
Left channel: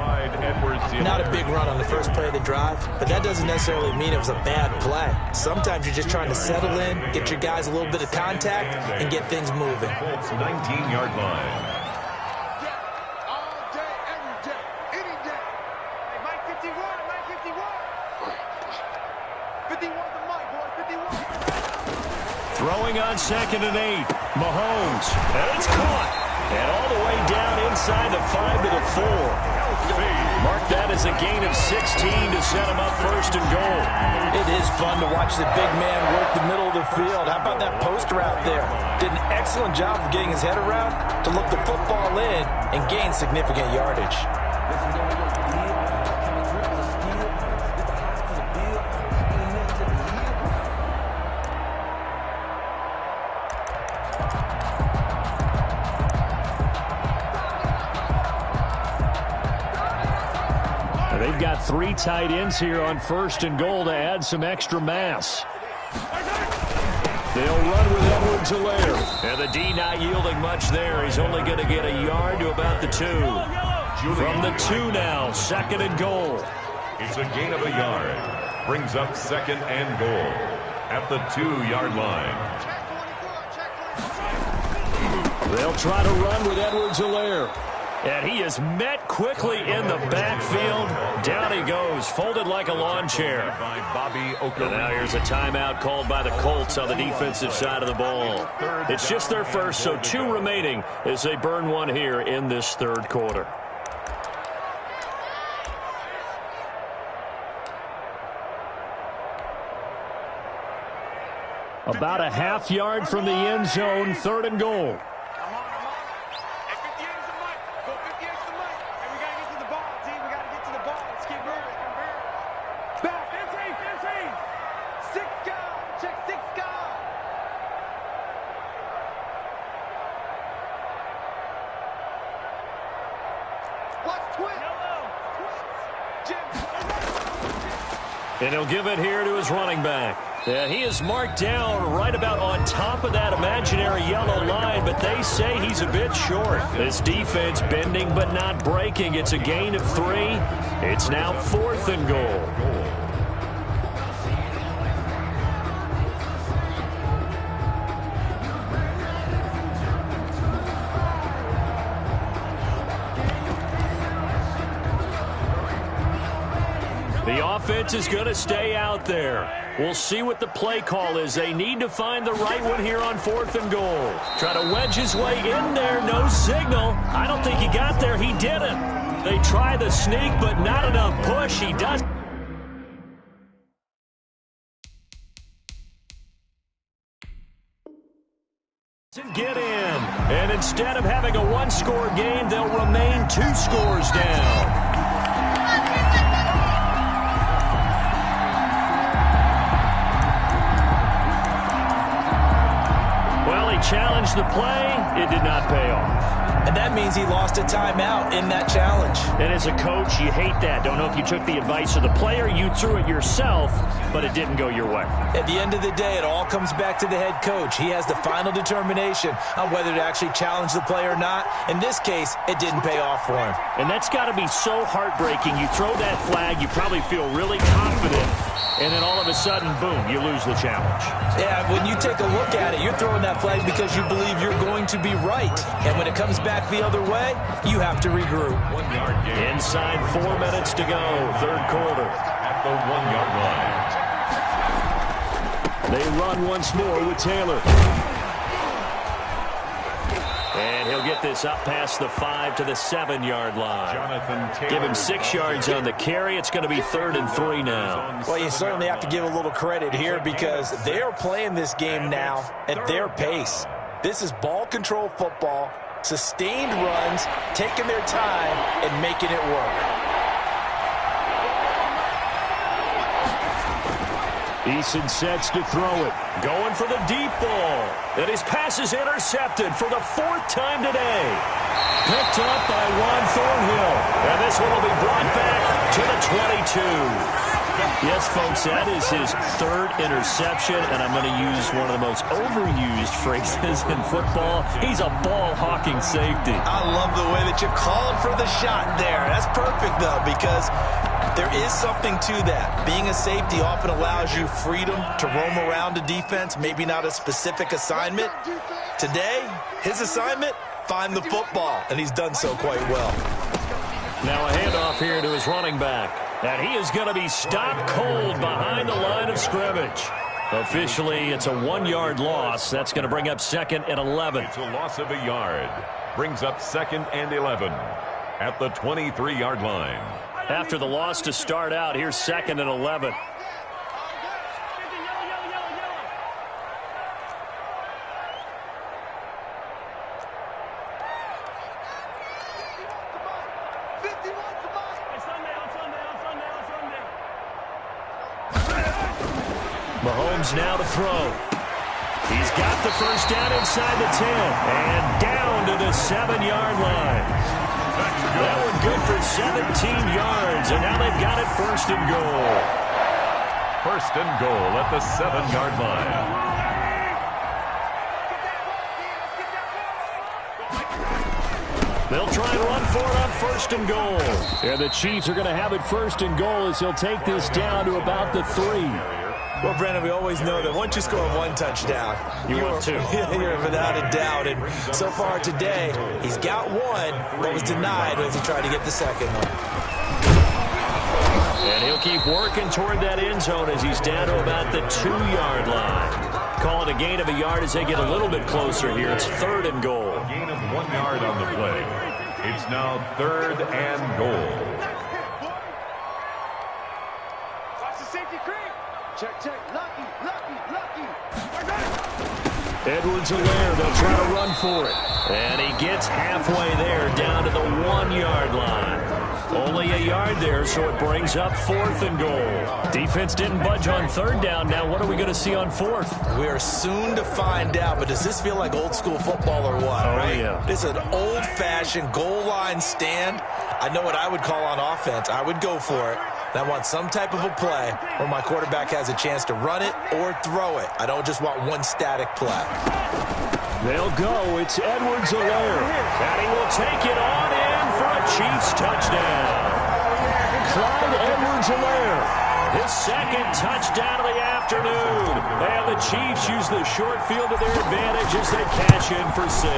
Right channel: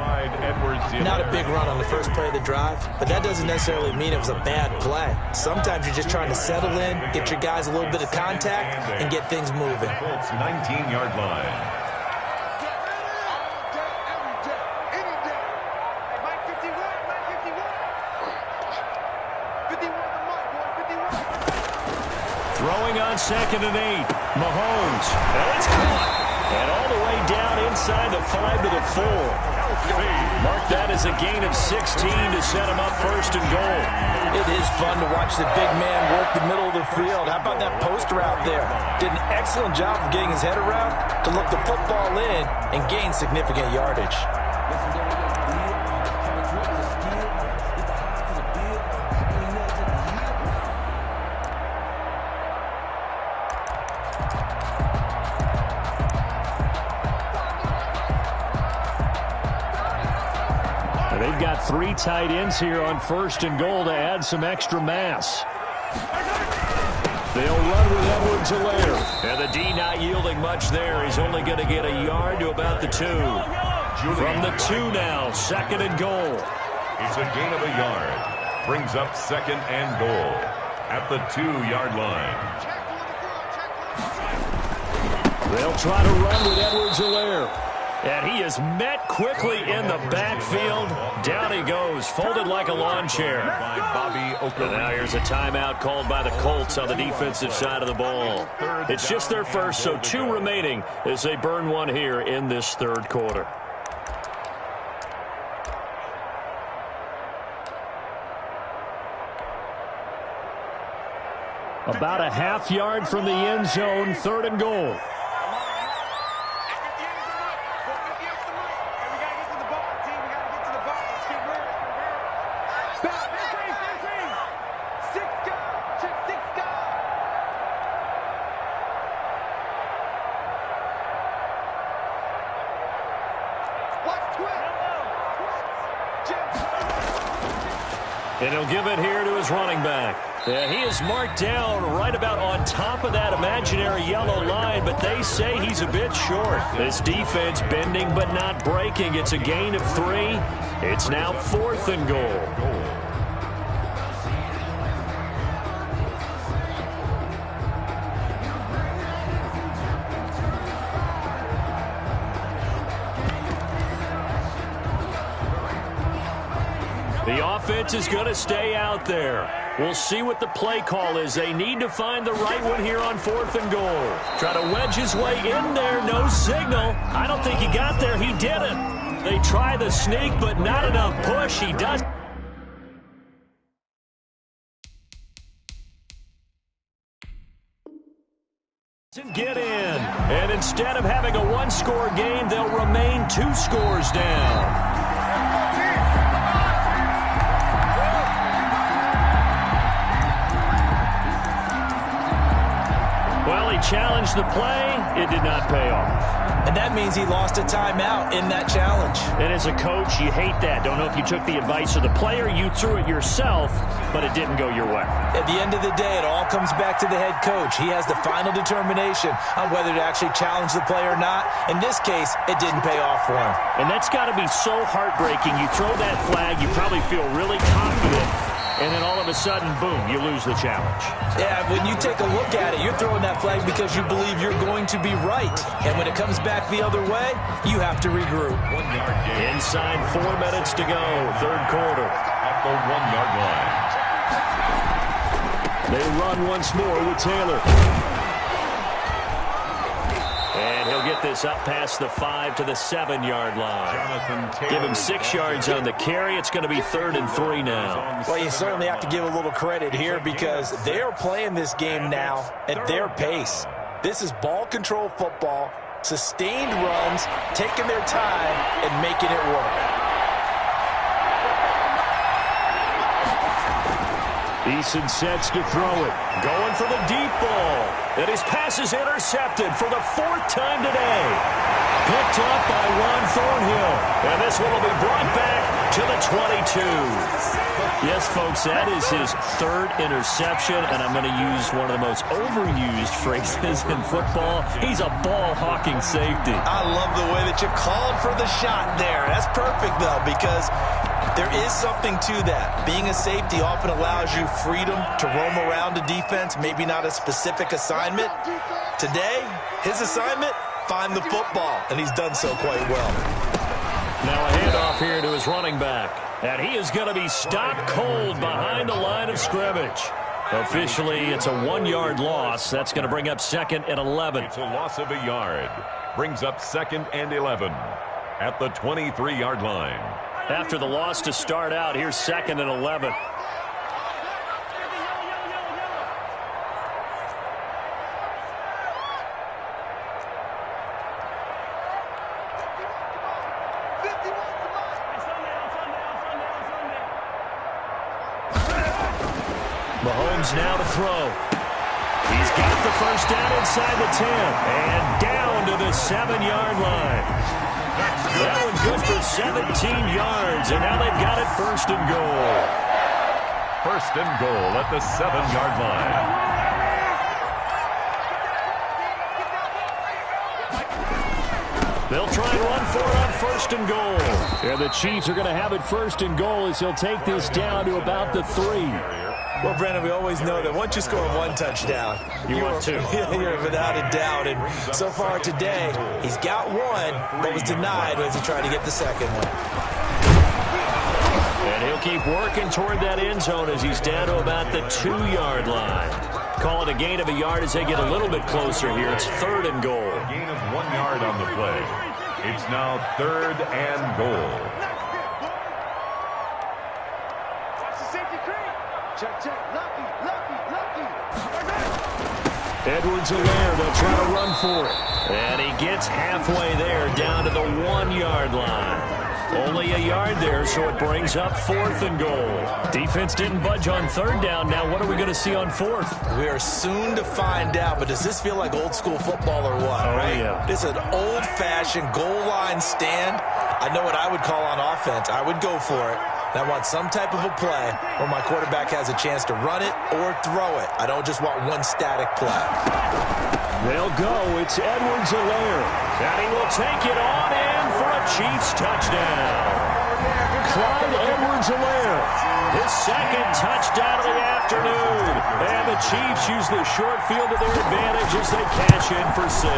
Not a big run on the first play of the drive, but that doesn't necessarily mean it was a bad play. Sometimes you're just trying to settle in, get your guys a little bit of contact, and get things moving. Colts 19-yard line. All day, every day, any day. Hey, Mike 51, Mike 51. 51 the mic, boy, 51. Throwing on 2nd and 8. Mahomes. And it's caught. And all the way down inside the 5 to the 4. Mark that as a gain of 16 to set him up 1st and goal. It is fun to watch the big man work the middle of the field. How about that post route there? Did an excellent job of getting his head around to look the football in and gain significant yardage. They've got 3 tight ends here on 1st and goal to add some extra mass. They'll run with Edwards-Helaire. And the D not yielding much there. He's only going to get a yard to about the 2. From the 2 now, 2nd and goal. It's a gain of a yard. Brings up 2nd and goal at the 2-yard line. They'll try to run with Edwards-Helaire. And he is met quickly in the backfield. Down he goes, folded like a lawn chair. And now here's a timeout called by the Colts on the defensive side of the ball. It's just their first, so 2 remaining as they burn one here in this third quarter. About a half yard from the end zone, 3rd and goal. Watch twin. And he'll give it here to his running back. Yeah, he is marked down right about on top of that imaginary yellow line, but they say he's a bit short. This defense bending but not breaking. It's a gain of 3. It's now 4th and goal. The offense is going to stay out there. We'll see what the play call is. They need to find the right one here on 4th and goal. Try to wedge his way in there. No signal. I don't think he got there. He didn't. They try the sneak, but not enough push. He does. Get in. And instead of having a 1-score game, they'll remain 2 scores down. Well, he challenged the play. It did not pay off. And that means he lost a timeout in that challenge. And as a coach, you hate that. Don't know if you took the advice of the player, you threw it yourself, but it didn't go your way. At the end of the day, it all comes back to the head coach. He has the final determination on whether to actually challenge the play or not. In this case, it didn't pay off for him. And that's got to be so heartbreaking. You throw that flag, you probably feel really confident, and then all of a sudden, boom, you lose the challenge. Yeah, when you take a look at it, you're throwing that flag because you believe you're going to be right. And when it comes back the other way, you have to regroup. 1-yard gain. Inside 4 minutes to go, 3rd quarter. At the 1-yard line. They run once more with Taylor. And he'll get this up past the 5 to the 7-yard line. Jonathan Taylor. Give him 6 yards on the carry. It's going to be 3rd and 3 now. Well, you certainly have to give a little credit here because they're playing this game now at their pace. This is ball control football, sustained runs, taking their time, and making it work. Eason sets to throw it. Going for the deep ball. And his pass is intercepted for the 4th time today. Picked up by Juan Thornhill. And this one will be brought back to the 22. Yes, folks, that is his 3rd interception, and I'm going to use one of the most overused phrases in football. He's a ball-hawking safety. I love the way that you called for the shot there. That's perfect, though, because there is something to that. Being a safety often allows you freedom to roam around a defense, maybe not a specific assignment. Today, his assignment, find the football, and he's done so quite well. Now a handoff here to his running back. And he is going to be stopped cold behind the line of scrimmage. Officially, it's a 1-yard loss. That's going to bring up 2nd and 11. It's a loss of a yard. Brings up 2nd and 11 at the 23-yard line. After the loss to start out, here's 2nd and 11. Mahomes now to throw. He's got the first down inside the 10 and down to the 7-yard line. That one good for 17 yards, and now they've got it 1st and goal. 1st and goal at the 7-yard line. They'll try and run for it on 1st and goal. And the Chiefs are going to have it 1st and goal as he'll take this down to about the 3. Well, Brandon, we always know that once you score 1 touchdown, you want 2. You're without a doubt. And so far today, he's got 1, but was denied as he tried to get the 2nd one. And he'll keep working toward that end zone as he's down to about the 2-yard line. Call it a gain of a yard as they get a little bit closer here. It's 3rd and goal. A gain of 1 yard on the play. It's now 3rd and goal. Watch the safety creep. Check, check. Lucky. Edwards-Helaire, they'll try to run for it. And he gets halfway there, down to the 1-yard line. Only a yard there, so it brings up 4th and goal. Defense didn't budge on 3rd down. Now what are we going to see on 4th? We are soon to find out, but does this feel like old school football or what? Oh, right? yeah. This is an old-fashioned goal line stand. I know what I would call on offense. I would go for it. I want some type of a play where my quarterback has a chance to run it or throw it. I don't just want one static play. They'll go. It's Edwards-Helaire. And he will take it on in for a Chiefs touchdown. Clyde Edwards-Helaire. His 2nd touchdown of the afternoon. And the Chiefs use the short field to their advantage as they cash in for 6.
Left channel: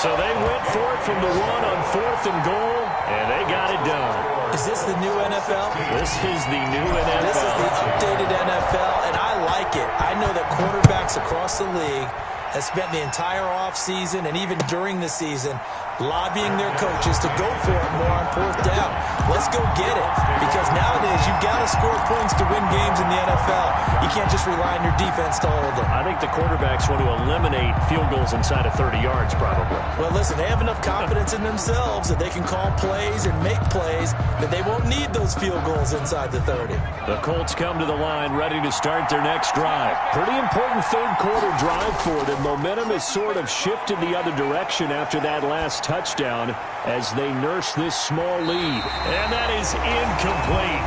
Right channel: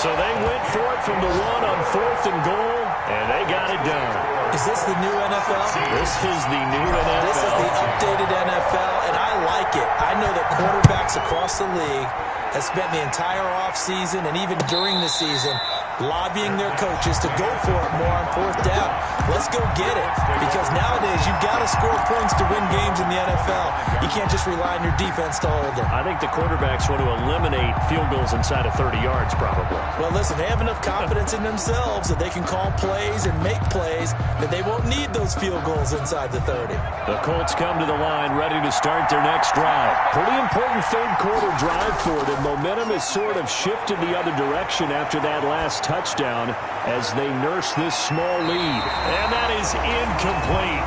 So they went for it from the 1 on 4th and goal, and they got it done. Is this the new NFL? This is the new NFL. This is the updated NFL, and I like it. I know that quarterbacks across the league have spent the entire offseason and even during the season lobbying their coaches to go for it more on 4th down. Let's go get it, because nowadays you've got to score points to win games in the NFL. You can't just rely on your defense to hold them. I think the quarterbacks want to eliminate field goals inside of 30 yards probably. Well, listen, they have enough confidence in themselves that they can call plays and make plays that they won't need those field goals inside the 30. The Colts come to the line ready to start their next drive. Pretty important 3rd quarter drive for them. Momentum has sort of shifted the other direction after that last touchdown as they nurse this small lead. And that is incomplete.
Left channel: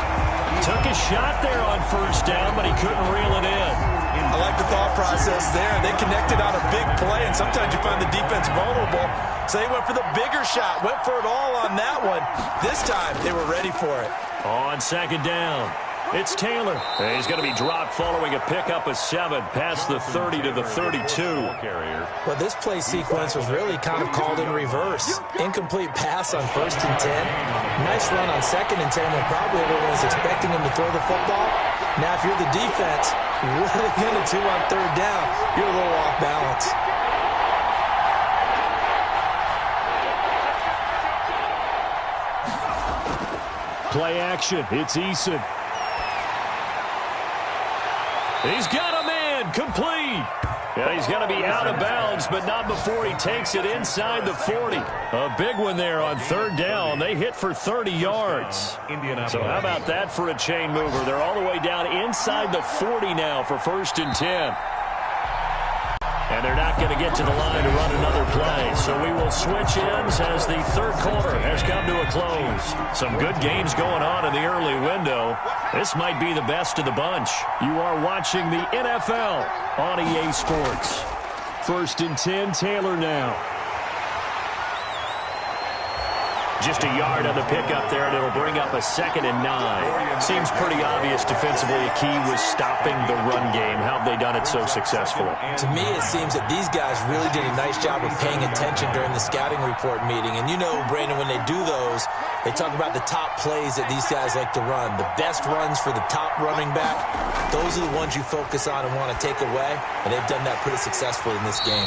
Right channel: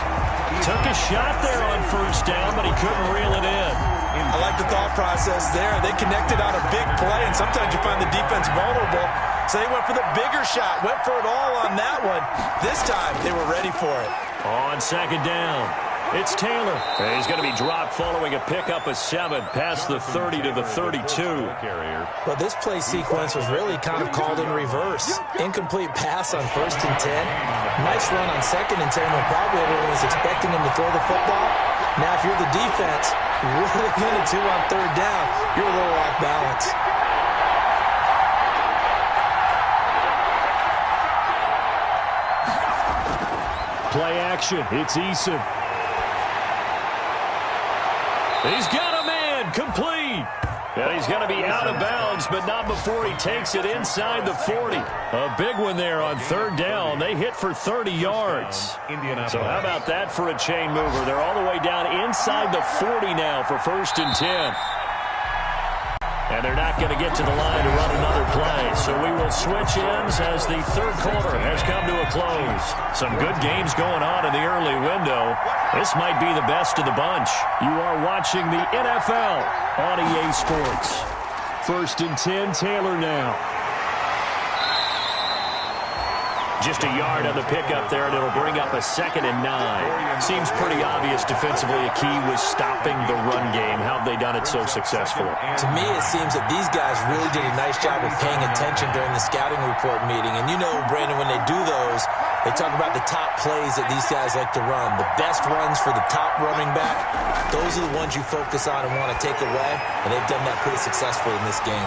Took a shot there on 1st down, but he couldn't reel it in. I like the thought process there. They connected on a big play, and sometimes you find the defense vulnerable. So they went for the bigger shot, went for it all on that one. This time, they were ready for it. On 2nd down, it's Taylor. He's going to be dropped following a pickup of 7 past the 30 to the 32. Well, this play sequence was really kind of called in reverse. Incomplete pass on 1st and 10. Nice run on 2nd and 10 when probably everyone was expecting him to throw the football. Now, if you're the defense, what are they going to do on 3rd down? You're a little off balance. Play action. It's Eason. He's got a man, complete. And he's going to be out of bounds, but not before he takes it inside the 40. A big one there on 3rd down. They hit for 30 yards. So how about that for a chain mover? They're all the way down inside the 40 now for 1st and 10. And they're not going to get to the line to run another play. So we will switch ends as the 3rd quarter has come to a close. Some good games going on in the early window. This might be the best of the bunch. You are watching the NFL on EA Sports. 1st and 10, Taylor now. Just a yard on the pickup there, and it'll bring up a 2nd and 9. Seems pretty obvious defensively a key was stopping the run game. How have they done it so successfully? To me, it seems that these guys really did a nice job of paying attention during the scouting report meeting. And you know, Brandon, when they do those, they talk about the top plays that these guys like to run. The best runs for the top running back, those are the ones you focus on and want to take away. And they've done that pretty successfully in this game.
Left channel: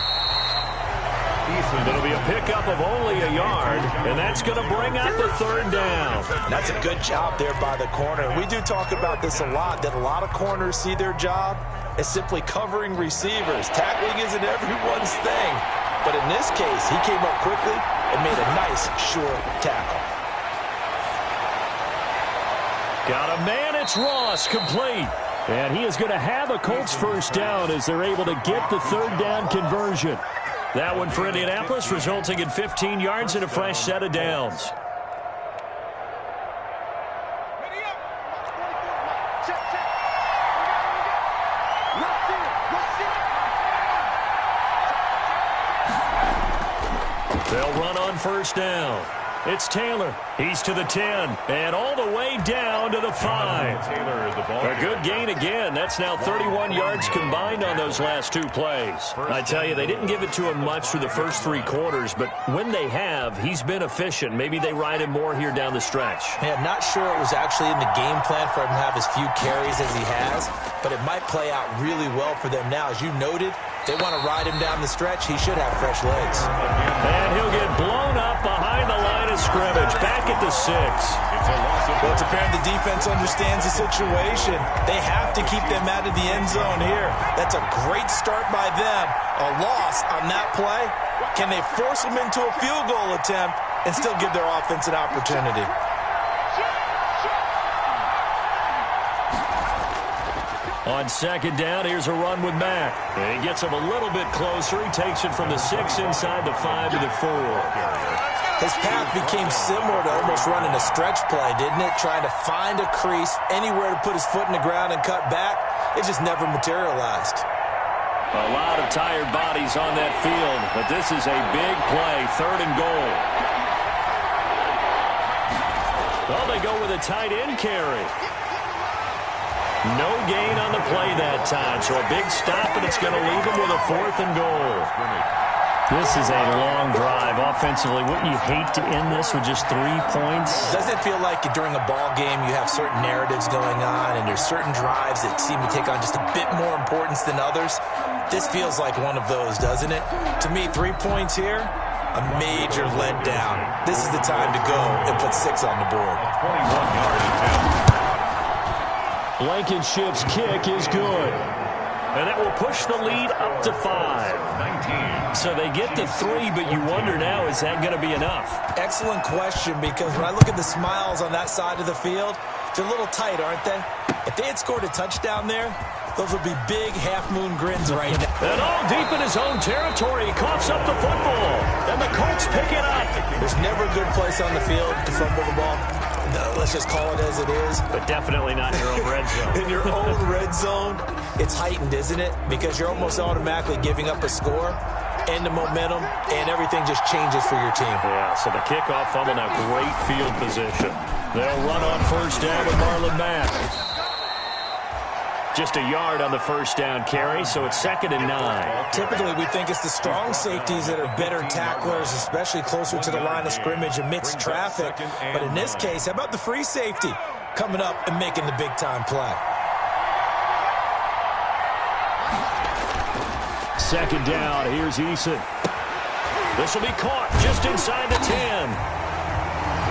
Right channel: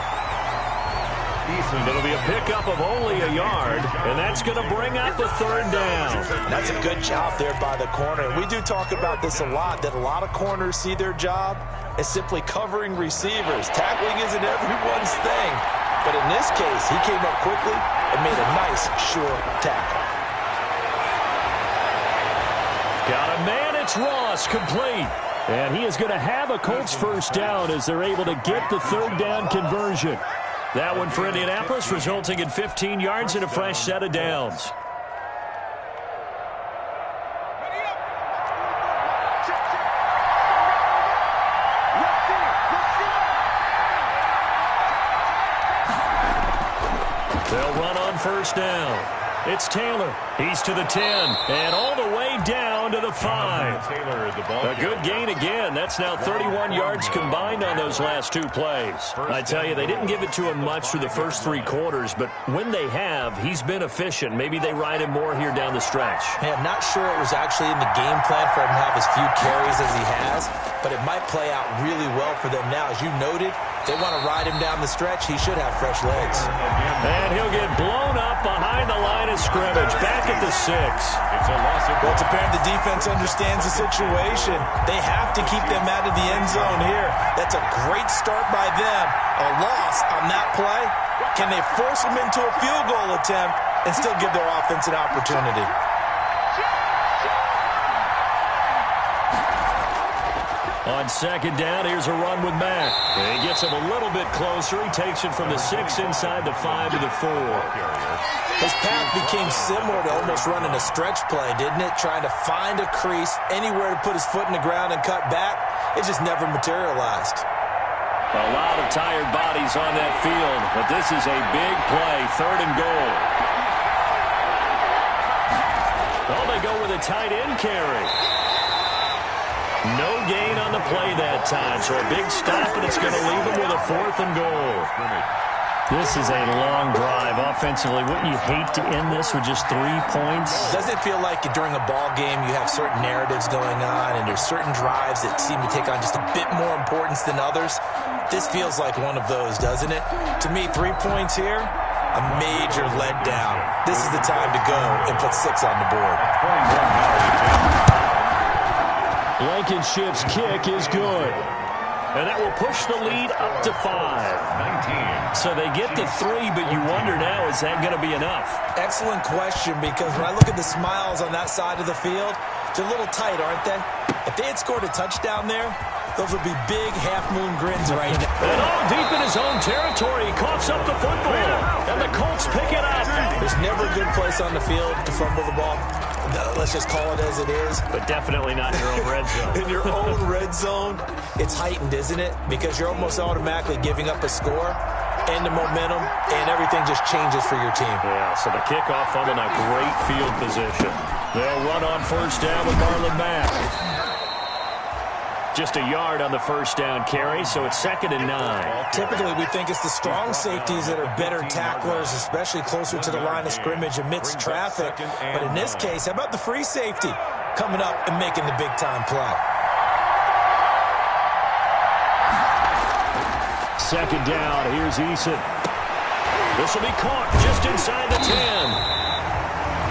It'll be a pickup of only a yard, and that's going to bring up a 3rd down. That's a good job there by the corner. We do talk about this a lot, that a lot of corners see their job as simply covering receivers. Tackling isn't everyone's thing. But in this case, he came up quickly and made a nice, sure tackle. Got a man, it's Ross, complete. And he is going to have a Colts 1st down as they're able to get the 3rd down conversion. That one for Indianapolis, resulting in 15 yards and a fresh set of downs. They'll run on 1st down. It's Taylor. He's to the 10 and all the way down to the 5. A good gain again. That's now 31 yards combined on those last 2 plays. I tell you, they didn't give it to him much through the first 3 quarters, but when they have, he's been efficient. Maybe they ride him more here down the stretch. Man, not sure it was actually in the game plan for him to have as few carries as he has, but it might play out really well for them now. As you noted, they want to ride him down the stretch. He should have fresh legs. And he'll get blown up behind the line line of scrimmage, back at the 6. It's a loss of Well, it's apparent the defense understands the situation. They have to keep them out of the end zone here. That's a great start by them. A loss on that play. Can they force them into a field goal attempt and still give their offense an opportunity? On second down, here's a run with Mack. He gets him a little bit closer. He takes it from the 6 inside the 5 to the 4. His path became similar to almost running a stretch play, didn't it? Trying to find a crease, anywhere to put his foot in the ground and cut back. It just never materialized. A lot of tired bodies on that field, but this is a big play, 3rd and goal. Well, they go with a tight end carry. No gain on the play that time, so a big stop, and it's going to leave them with a 4th and goal. This is a long drive. Offensively, wouldn't you hate to end this with just 3 points? Doesn't it feel like during a ball game you have certain narratives going on and there's certain drives that seem to take on just a bit more importance than others? This feels like one of those, doesn't it? To me, 3 points here, a major letdown. This is the time to go and put 6 on the board. 21-yard attempt. Blankenship's kick is good. And that will push the lead up to 5. 19. So they get to 3, but you wonder now, is that going to be enough? Excellent question, because when I look at the smiles on that side of the field, they're a little tight, aren't they? If they had scored a touchdown there, those would be big half-moon grins right now. And all deep in his own territory, he coughs up the football. And the Colts pick it up. There's never a good place on the field to fumble the ball. No, let's just call it as it is. But definitely not in your own red zone. In your own red zone, it's heightened, isn't it? Because you're almost automatically giving up a score and the momentum, and everything just changes for your team. Yeah, so the kickoff fumble, now great field position. They'll run on 1st down with Marlon Mack. Just a yard on the 1st down carry, so it's 2nd and 9. Typically, we think it's the strong safeties that are better tacklers, especially closer to the line of scrimmage amidst traffic. But in this case, how about the free safety coming up and making the big-time play? 2nd down, here's Eason. This will be caught just inside the 10.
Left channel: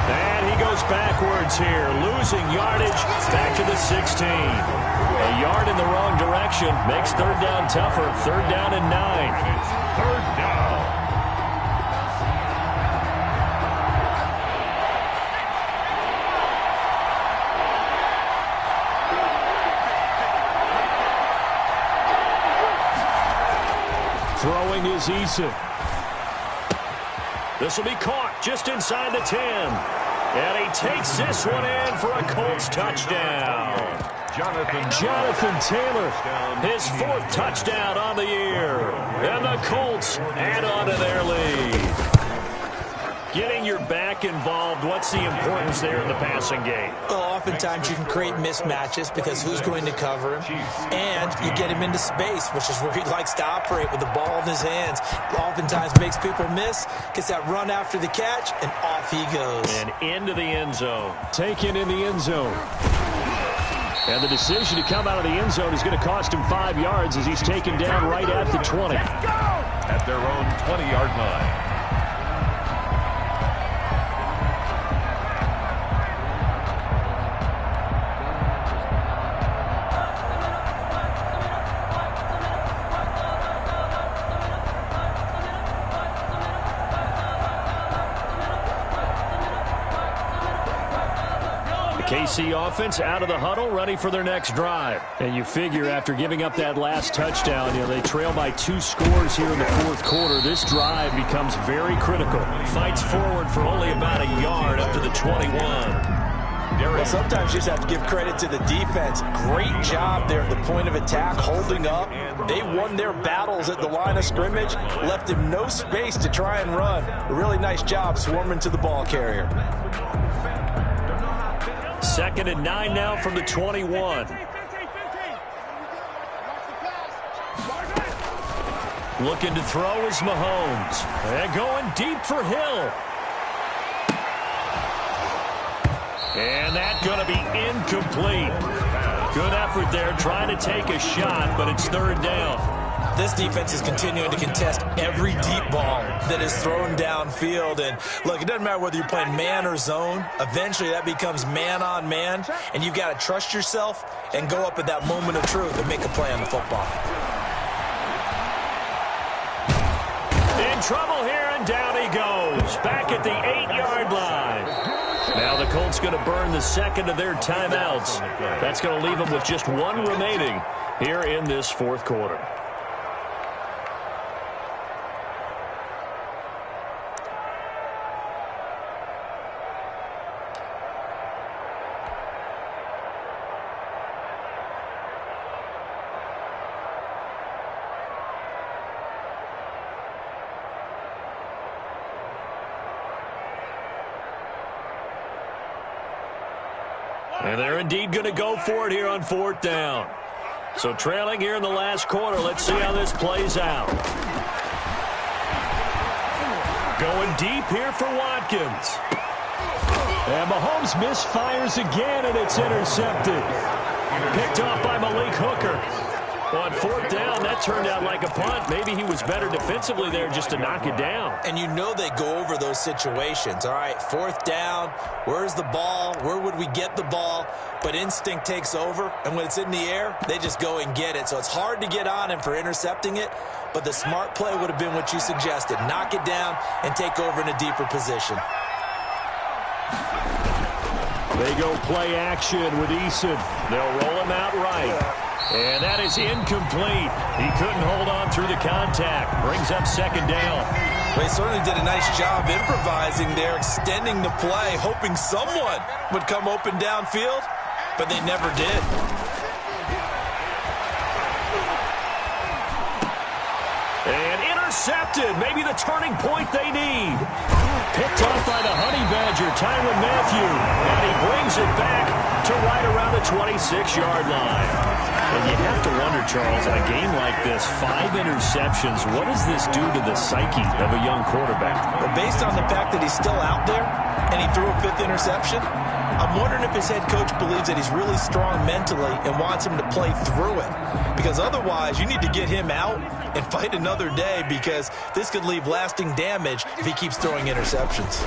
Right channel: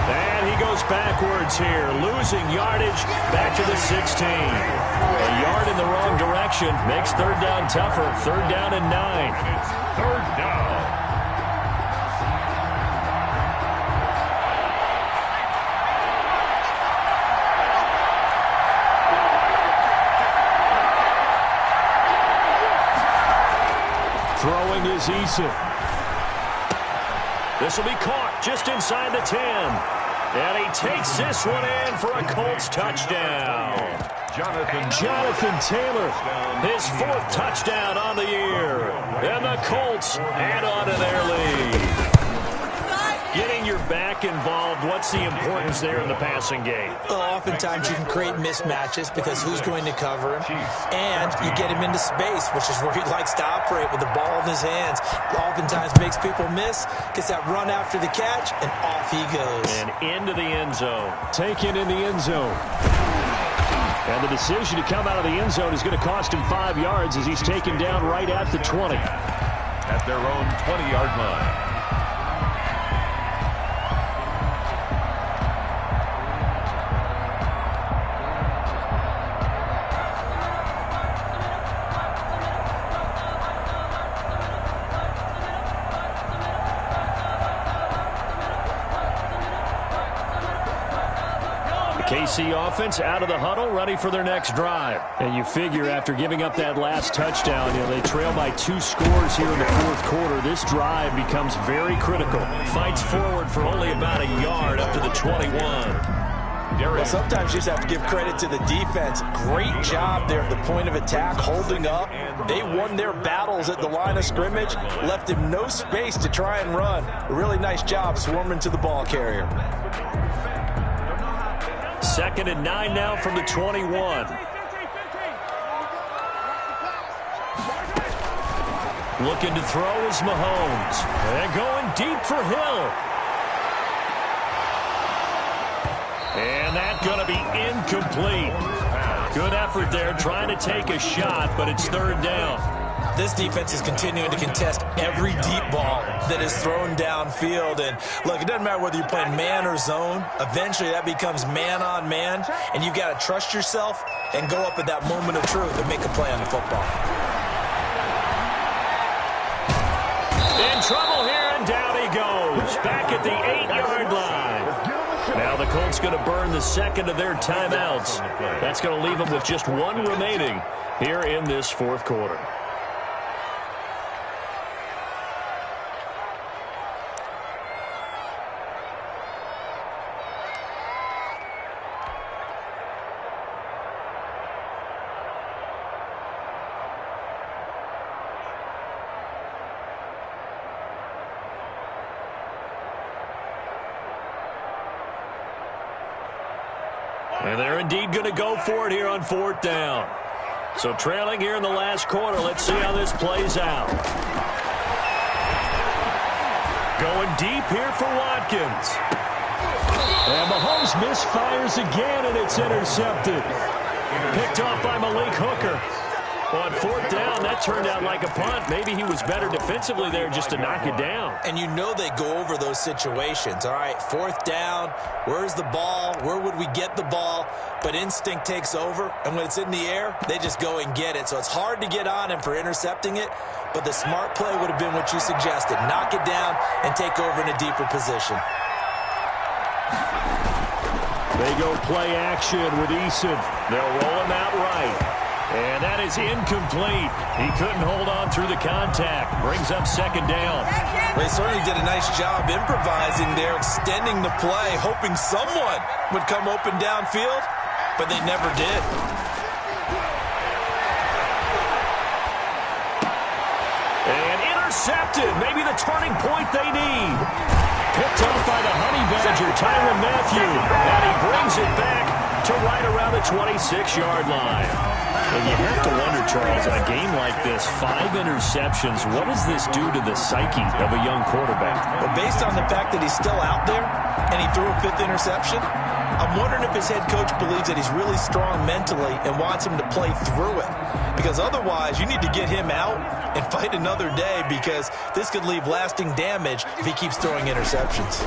And he goes backwards here, losing yardage back to the 16. A yard in the wrong direction makes 3rd down tougher. 3rd down and 9. And it's 3rd down. Throwing is Eason. This will be caught just inside the 10. And he takes this one in for a Colts touchdown. Jonathan Taylor, his 4th touchdown on the year. And the Colts add on to their lead. Getting your back involved, what's the importance there in the passing game? Well, oftentimes you can create mismatches because who's going to cover him? And you get him into space, which is where he likes to operate with the ball in his hands. Oftentimes makes people miss, gets that run after the catch, and off he goes. And into the end zone. Taken in the end zone. And the decision to come out of the end zone is going to cost him 5 yards as he's taken down right at the 20. at their own 20-yard line. KC offense out of the huddle, ready for their next drive. And you figure after giving up that last touchdown, they trail by 2 scores here in the fourth quarter. This drive becomes very critical. Fights forward for only about a yard up to the 21. Well, sometimes you just have to give credit to the defense. Great job there at the point of attack, holding up. They won their battles at the line of scrimmage, left him no space to try and run. A really nice job swarming to the ball carrier. 2nd and 9 now from the 21. Looking to throw is Mahomes. And going deep for Hill. And that's going to be incomplete. Good effort there trying to take a shot, but it's 3rd down. This defense is continuing to contest every deep ball that is thrown downfield. And look, it doesn't matter whether you're playing man or zone. Eventually that becomes man on man, and you've got to trust yourself and go up at that moment of truth and make a play on the football. In trouble here, and down he goes. Back at the 8-yard line. Now the Colts going to burn the second of their timeouts. That's going to leave them with just one remaining here in this fourth quarter. And they're indeed going to go for it here on fourth down. So trailing here in the last quarter. Let's see how this plays out. Going deep here for Watkins. And Mahomes misfires again, and it's intercepted. Picked off by Malik Hooker. On fourth down, that turned out like a punt. Maybe he was better defensively there just to knock it down. And you know they go over those situations. All right, fourth down, where's the ball? Where would we get the ball? But instinct takes over, and when it's in the air, they just go and get it. So it's hard to get on him for intercepting it, but the smart play would have been what you suggested. Knock it down and take over in a deeper position. They go play action with Eason. They'll roll him out right. And that is incomplete. He couldn't hold on through the contact. Brings up second down. They certainly did a nice job improvising there, extending the play, hoping someone would come open downfield, but they never did. And intercepted. Maybe the turning point they need. Picked off by the Honey Badger, Tyrann Mathieu. And he brings it back to right around the 26-yard line. And you have to wonder, Charles, in a game like this, 5 interceptions, what does this do to the psyche of a young quarterback? Well, based on the fact that he's still out there and he threw a 5th interception, I'm wondering if his head coach believes that he's really strong mentally and wants him to play through it. Because otherwise, you need to get him out and fight another day, because this could leave lasting damage if he keeps throwing interceptions.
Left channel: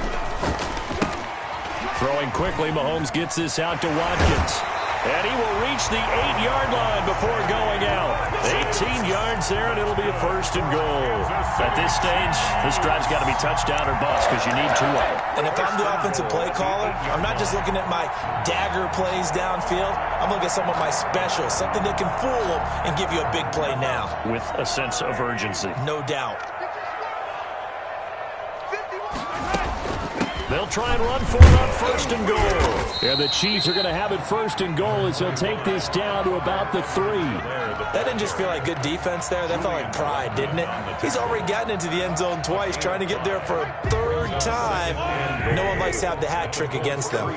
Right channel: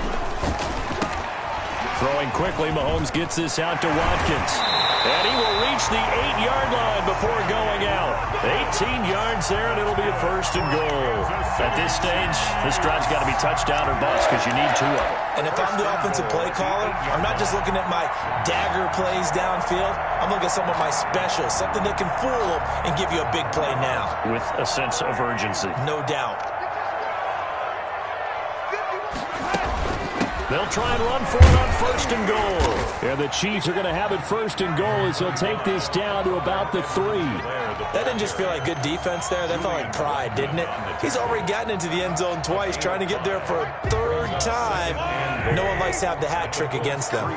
Throwing quickly, Mahomes gets this out to Watkins. And he will reach the 8-yard line before going out. 18 yards there, and it'll be a first and goal. At this stage, this drive's got to be touchdown or bust, because you need 2 of them. And if I'm the offensive play caller, I'm not just looking at my dagger plays downfield. I'm looking at some of my specials, something that can fool them and give you a big play now. With a sense of urgency. No doubt. They'll try and run for it on first and goal. And the Chiefs are going to have it first and goal as he'll take this down to about the 3. That didn't just feel like good defense there. That felt like pride, didn't it? He's already gotten into the end zone twice, trying to get there for a 3rd time. No one likes to have the hat trick against them.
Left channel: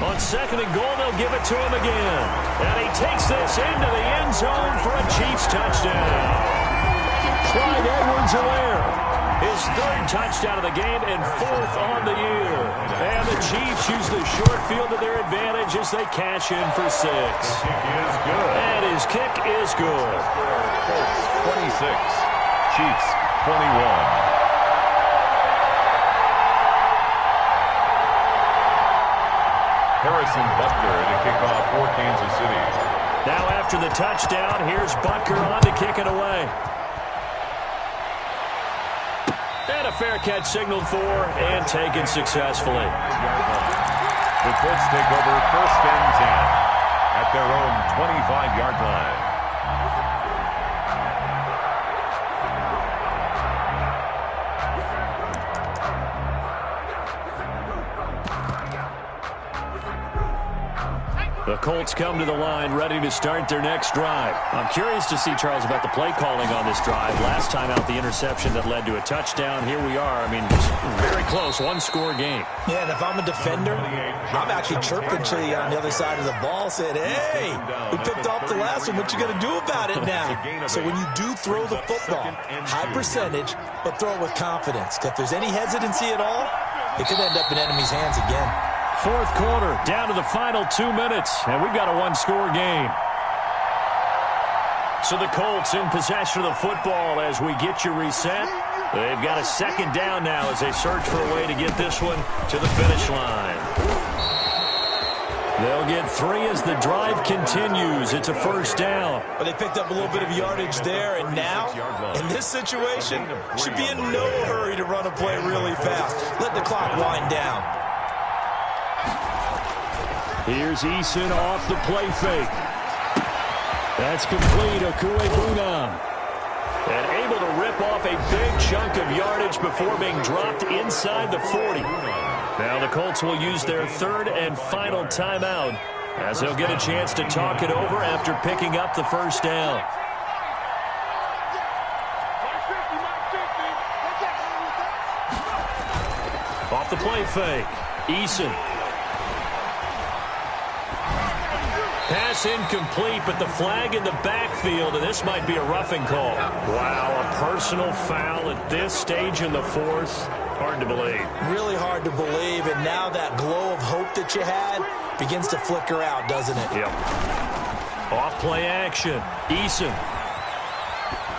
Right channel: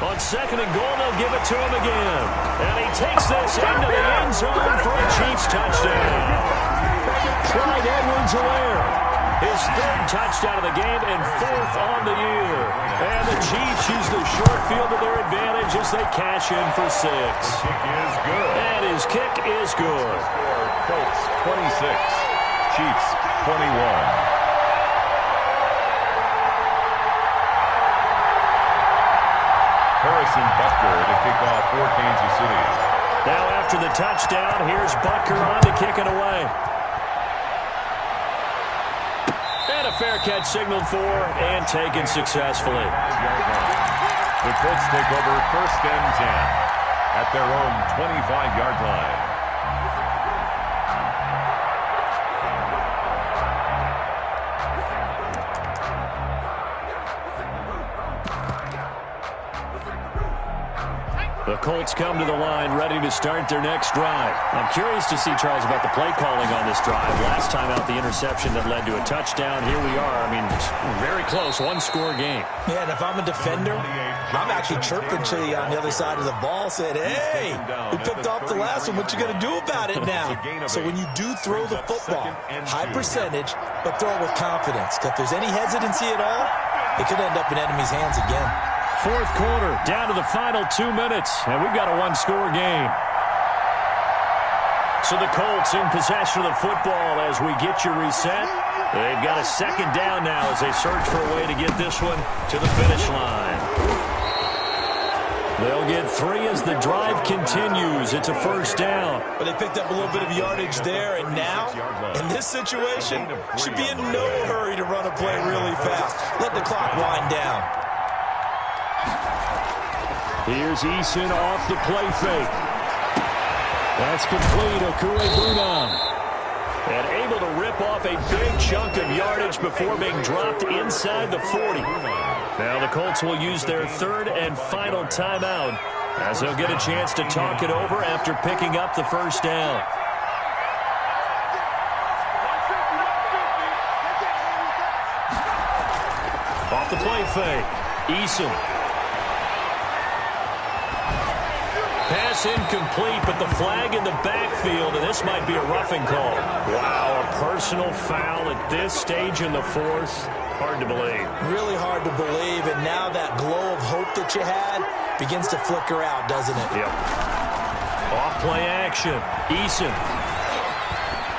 On second and goal, they'll give it to him again. And he takes this into the end zone for a Chiefs touchdown. Clyde Edwards-Helaire, his 3rd touchdown of the game and 4th on the year. And the Chiefs use the short field to their advantage as they cash in for 6. Kick is good. And his kick is good. Score, Colts 26, Chiefs 21. Harrison Butker to kick off for Kansas City. Now after the touchdown, here's Butker on to kick it away. And a fair catch signaled for and taken successfully. The Colts take over first and 10 at their own 25-yard line. The Colts come to the line ready to start their next drive. I'm curious to see, Charles, about the play calling on this drive. Last time out, the interception that led to a touchdown. Here we are. I mean, very close, 1-score game. Yeah, and if I'm a defender, I'm actually chirping to you on the other side of the ball, saying, hey, we picked off the last one. What you going to do about it now? So when you do throw the football, high percentage, but throw it with confidence. Because if there's any hesitancy at all, it could end up in enemy's hands again. Fourth quarter, down to the final 2 minutes, and we've got a 1-score game. So the Colts in possession of the football as we get you reset. They've got a second down now as they search for a way to get this one to the finish line. They'll get 3 as the drive continues. It's a first down. But they picked up a little bit of yardage there, and now, in this situation, should be in no hurry to run a play really fast. Let the clock wind down. Here's Eason off the play fake. That's complete. Okuegbunam. And able to rip off a big chunk of yardage before being dropped inside the 40. Now the Colts will use their third and final timeout as they'll get a chance to talk it over after picking up the first down. Off the play fake. Eason. Pass incomplete, but the flag in the backfield, and this might be a roughing call. Wow, a personal foul at this stage in the fourth. Hard to believe. Really hard to believe, and now that glow of hope that you had begins to flicker out, doesn't it? Yep. Off play action. Eason.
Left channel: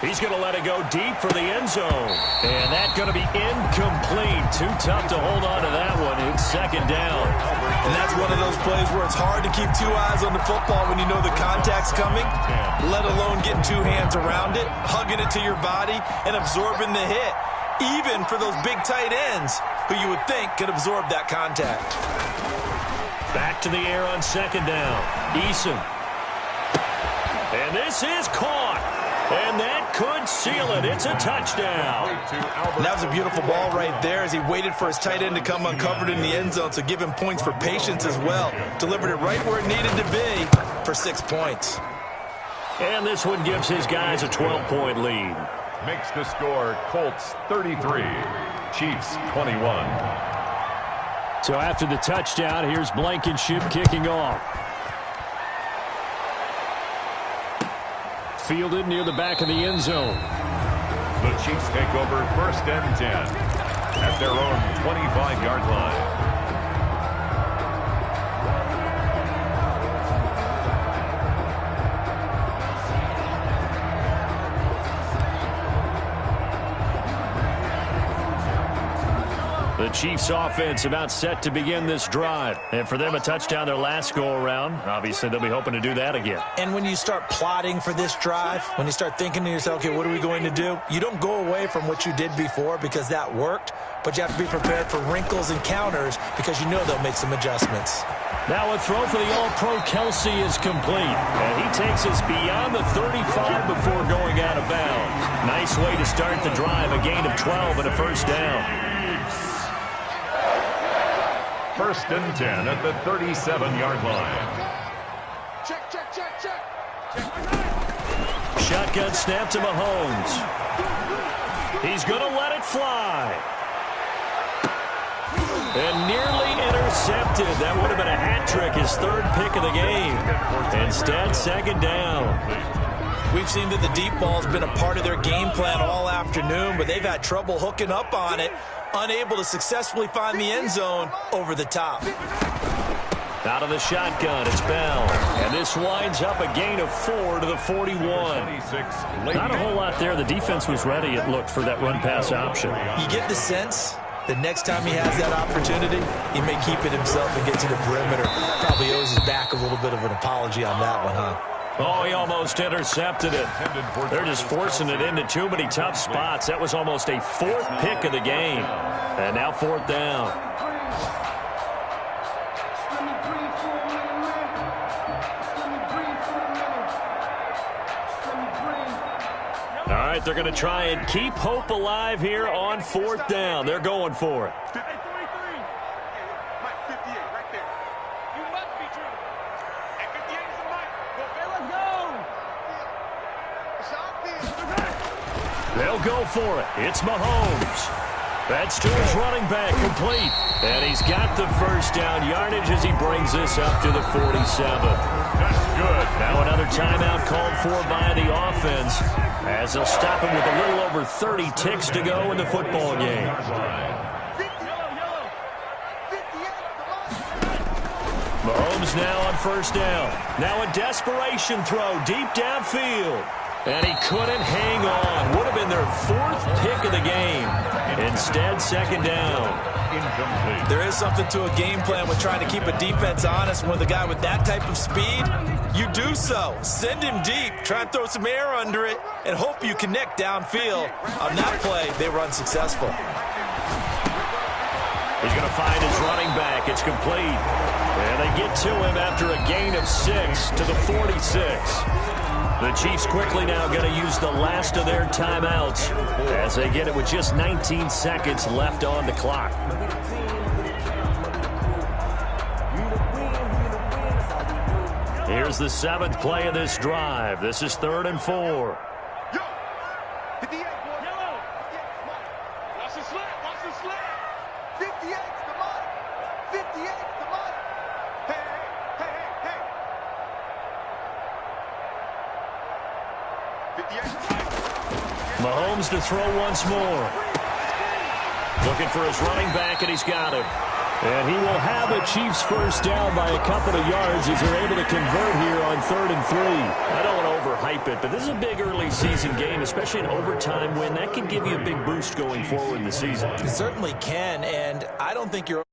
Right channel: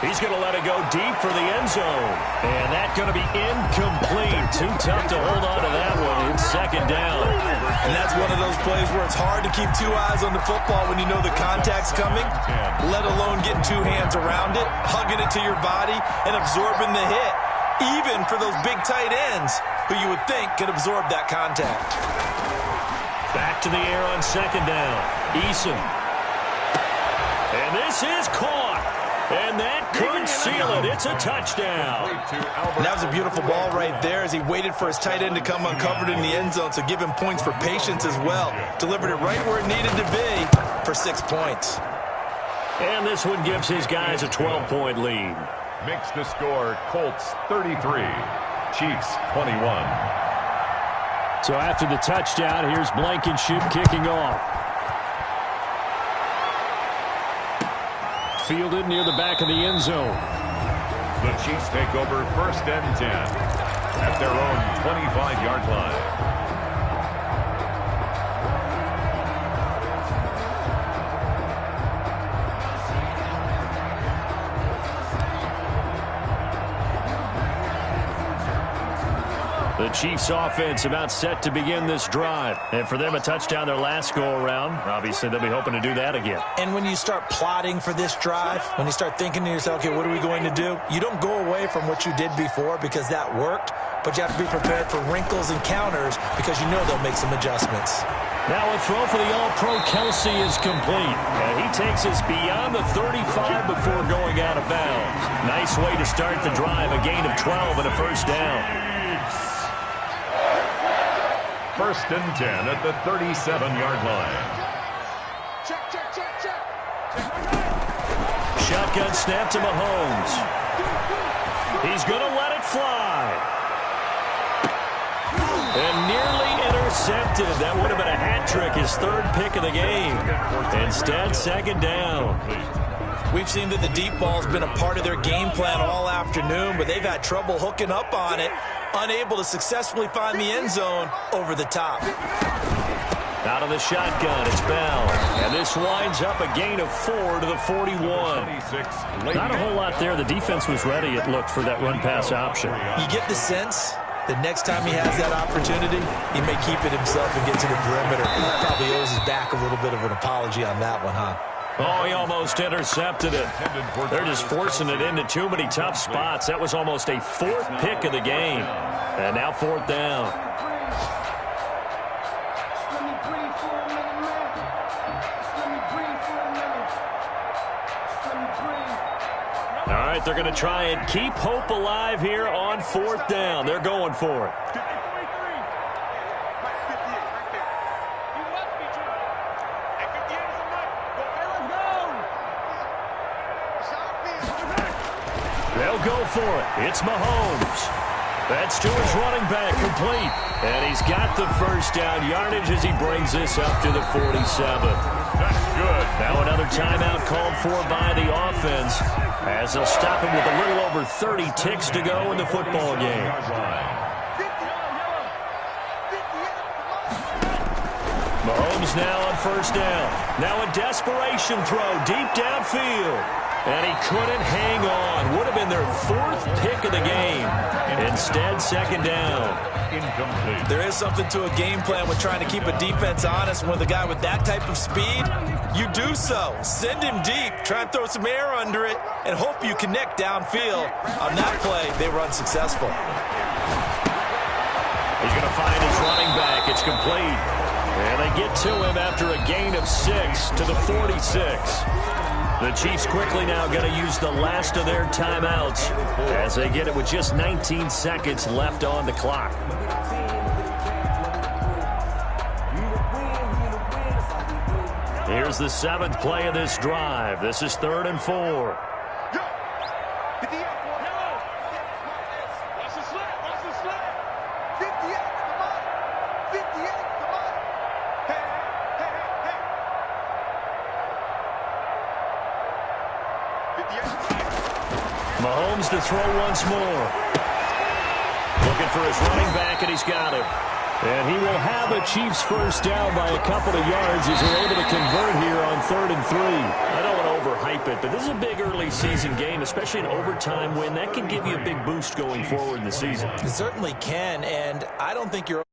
He's going to let it go deep for the end zone. And that's going to be incomplete. Too tough to hold on to that one. It's second down. And that's one of those plays where it's hard to keep 2 eyes on the football when you know the contact's coming, let alone getting 2 hands around it, hugging it to your body, and absorbing the hit. Even for those big tight ends who you would think could absorb that contact. Back to the air on second down. Eason. And this is caught. And that could seal it. It's a touchdown. And that was a beautiful ball right there as he waited for his tight end to come uncovered in the end zone, so give him points for patience as well. Delivered it right where it needed to be for 6 points. And this one gives his guys a 12-point lead. Makes the score Colts 33, Chiefs 21. So after the touchdown, here's Blankenship kicking off. Fielded near the back of the end zone. The Chiefs take over first and 10 at their own 25-yard line. The Chiefs offense about set to begin this drive. And for them, a touchdown their last go-around. Obviously, they'll be hoping to do that again. And when you start plotting for this drive, when you start thinking to yourself, okay, what are we going to do? You don't go away from what you did before because that worked, but you have to be prepared for wrinkles and counters because you know they'll make some adjustments. Now a throw for the All-Pro Kelsey is complete. And he takes us beyond the 35 before going out of bounds. Nice way to start the drive, a gain of 12 and a first down. First and 10 at the 37-yard line. Check, check, check, check. Shotgun snap to Mahomes. He's going to let it fly. And nearly intercepted. That would have been a hat trick, his third pick of the game. Instead, second down. We've seen that the deep ball's been a part of their game plan all afternoon, but they've had trouble hooking up on it, unable to successfully find the end zone over the top. Out of the shotgun, it's Bell. And this winds up a gain of 4 to the 41. Not a whole lot there. The defense was ready, it looked, for that run-pass option. You get the sense that next time he has that opportunity, he may keep it himself and get to the perimeter. Probably owes his back a little bit of an apology on that one, huh? Oh, he almost intercepted it. They're just forcing it into too many tough spots. That was almost a 4th pick of the game. And now 4th down. All right, they're going to try and keep hope alive here on 4th down. They're going for it. They'll go for it. It's Mahomes. That's to his running back, complete. And he's got the first down yardage as he brings this up to the 47. That's good. Now another timeout called for by the offense as they'll stop him with a little over 30 ticks to go in the football game. Mahomes now on first down. Now a desperation throw deep downfield. And he couldn't hang on. Would have been their 4th pick of the game. Instead, second down. Incomplete. There is something to a game plan with trying to keep a defense honest. With a guy with that type of speed, you do so. Send him deep. Try and throw some air under it and hope you connect downfield. On that play, they were unsuccessful. He's going to find his running back. It's complete. And they get to him after a gain of 6 to the 46. The Chiefs quickly now going to use the last of their timeouts as they get it with just 19 seconds left on the clock. Here's the 7th play of this drive. This is 3rd and 4. Yo, get the egg, boy. Yellow. Watch the slant. Watch the slant. 58's the money. 58's the money. Hey, hey, hey, hey, hey. 58's the money. Mahomes to throw once more. Looking for his running back, and he's got him. And he will have a Chiefs first down by a couple of yards as they're able to convert here on 3rd and 3. I don't want to overhype it, but this is a big early season game, especially an overtime win. That can give you a big boost going forward in the season. It certainly can, and I don't think you're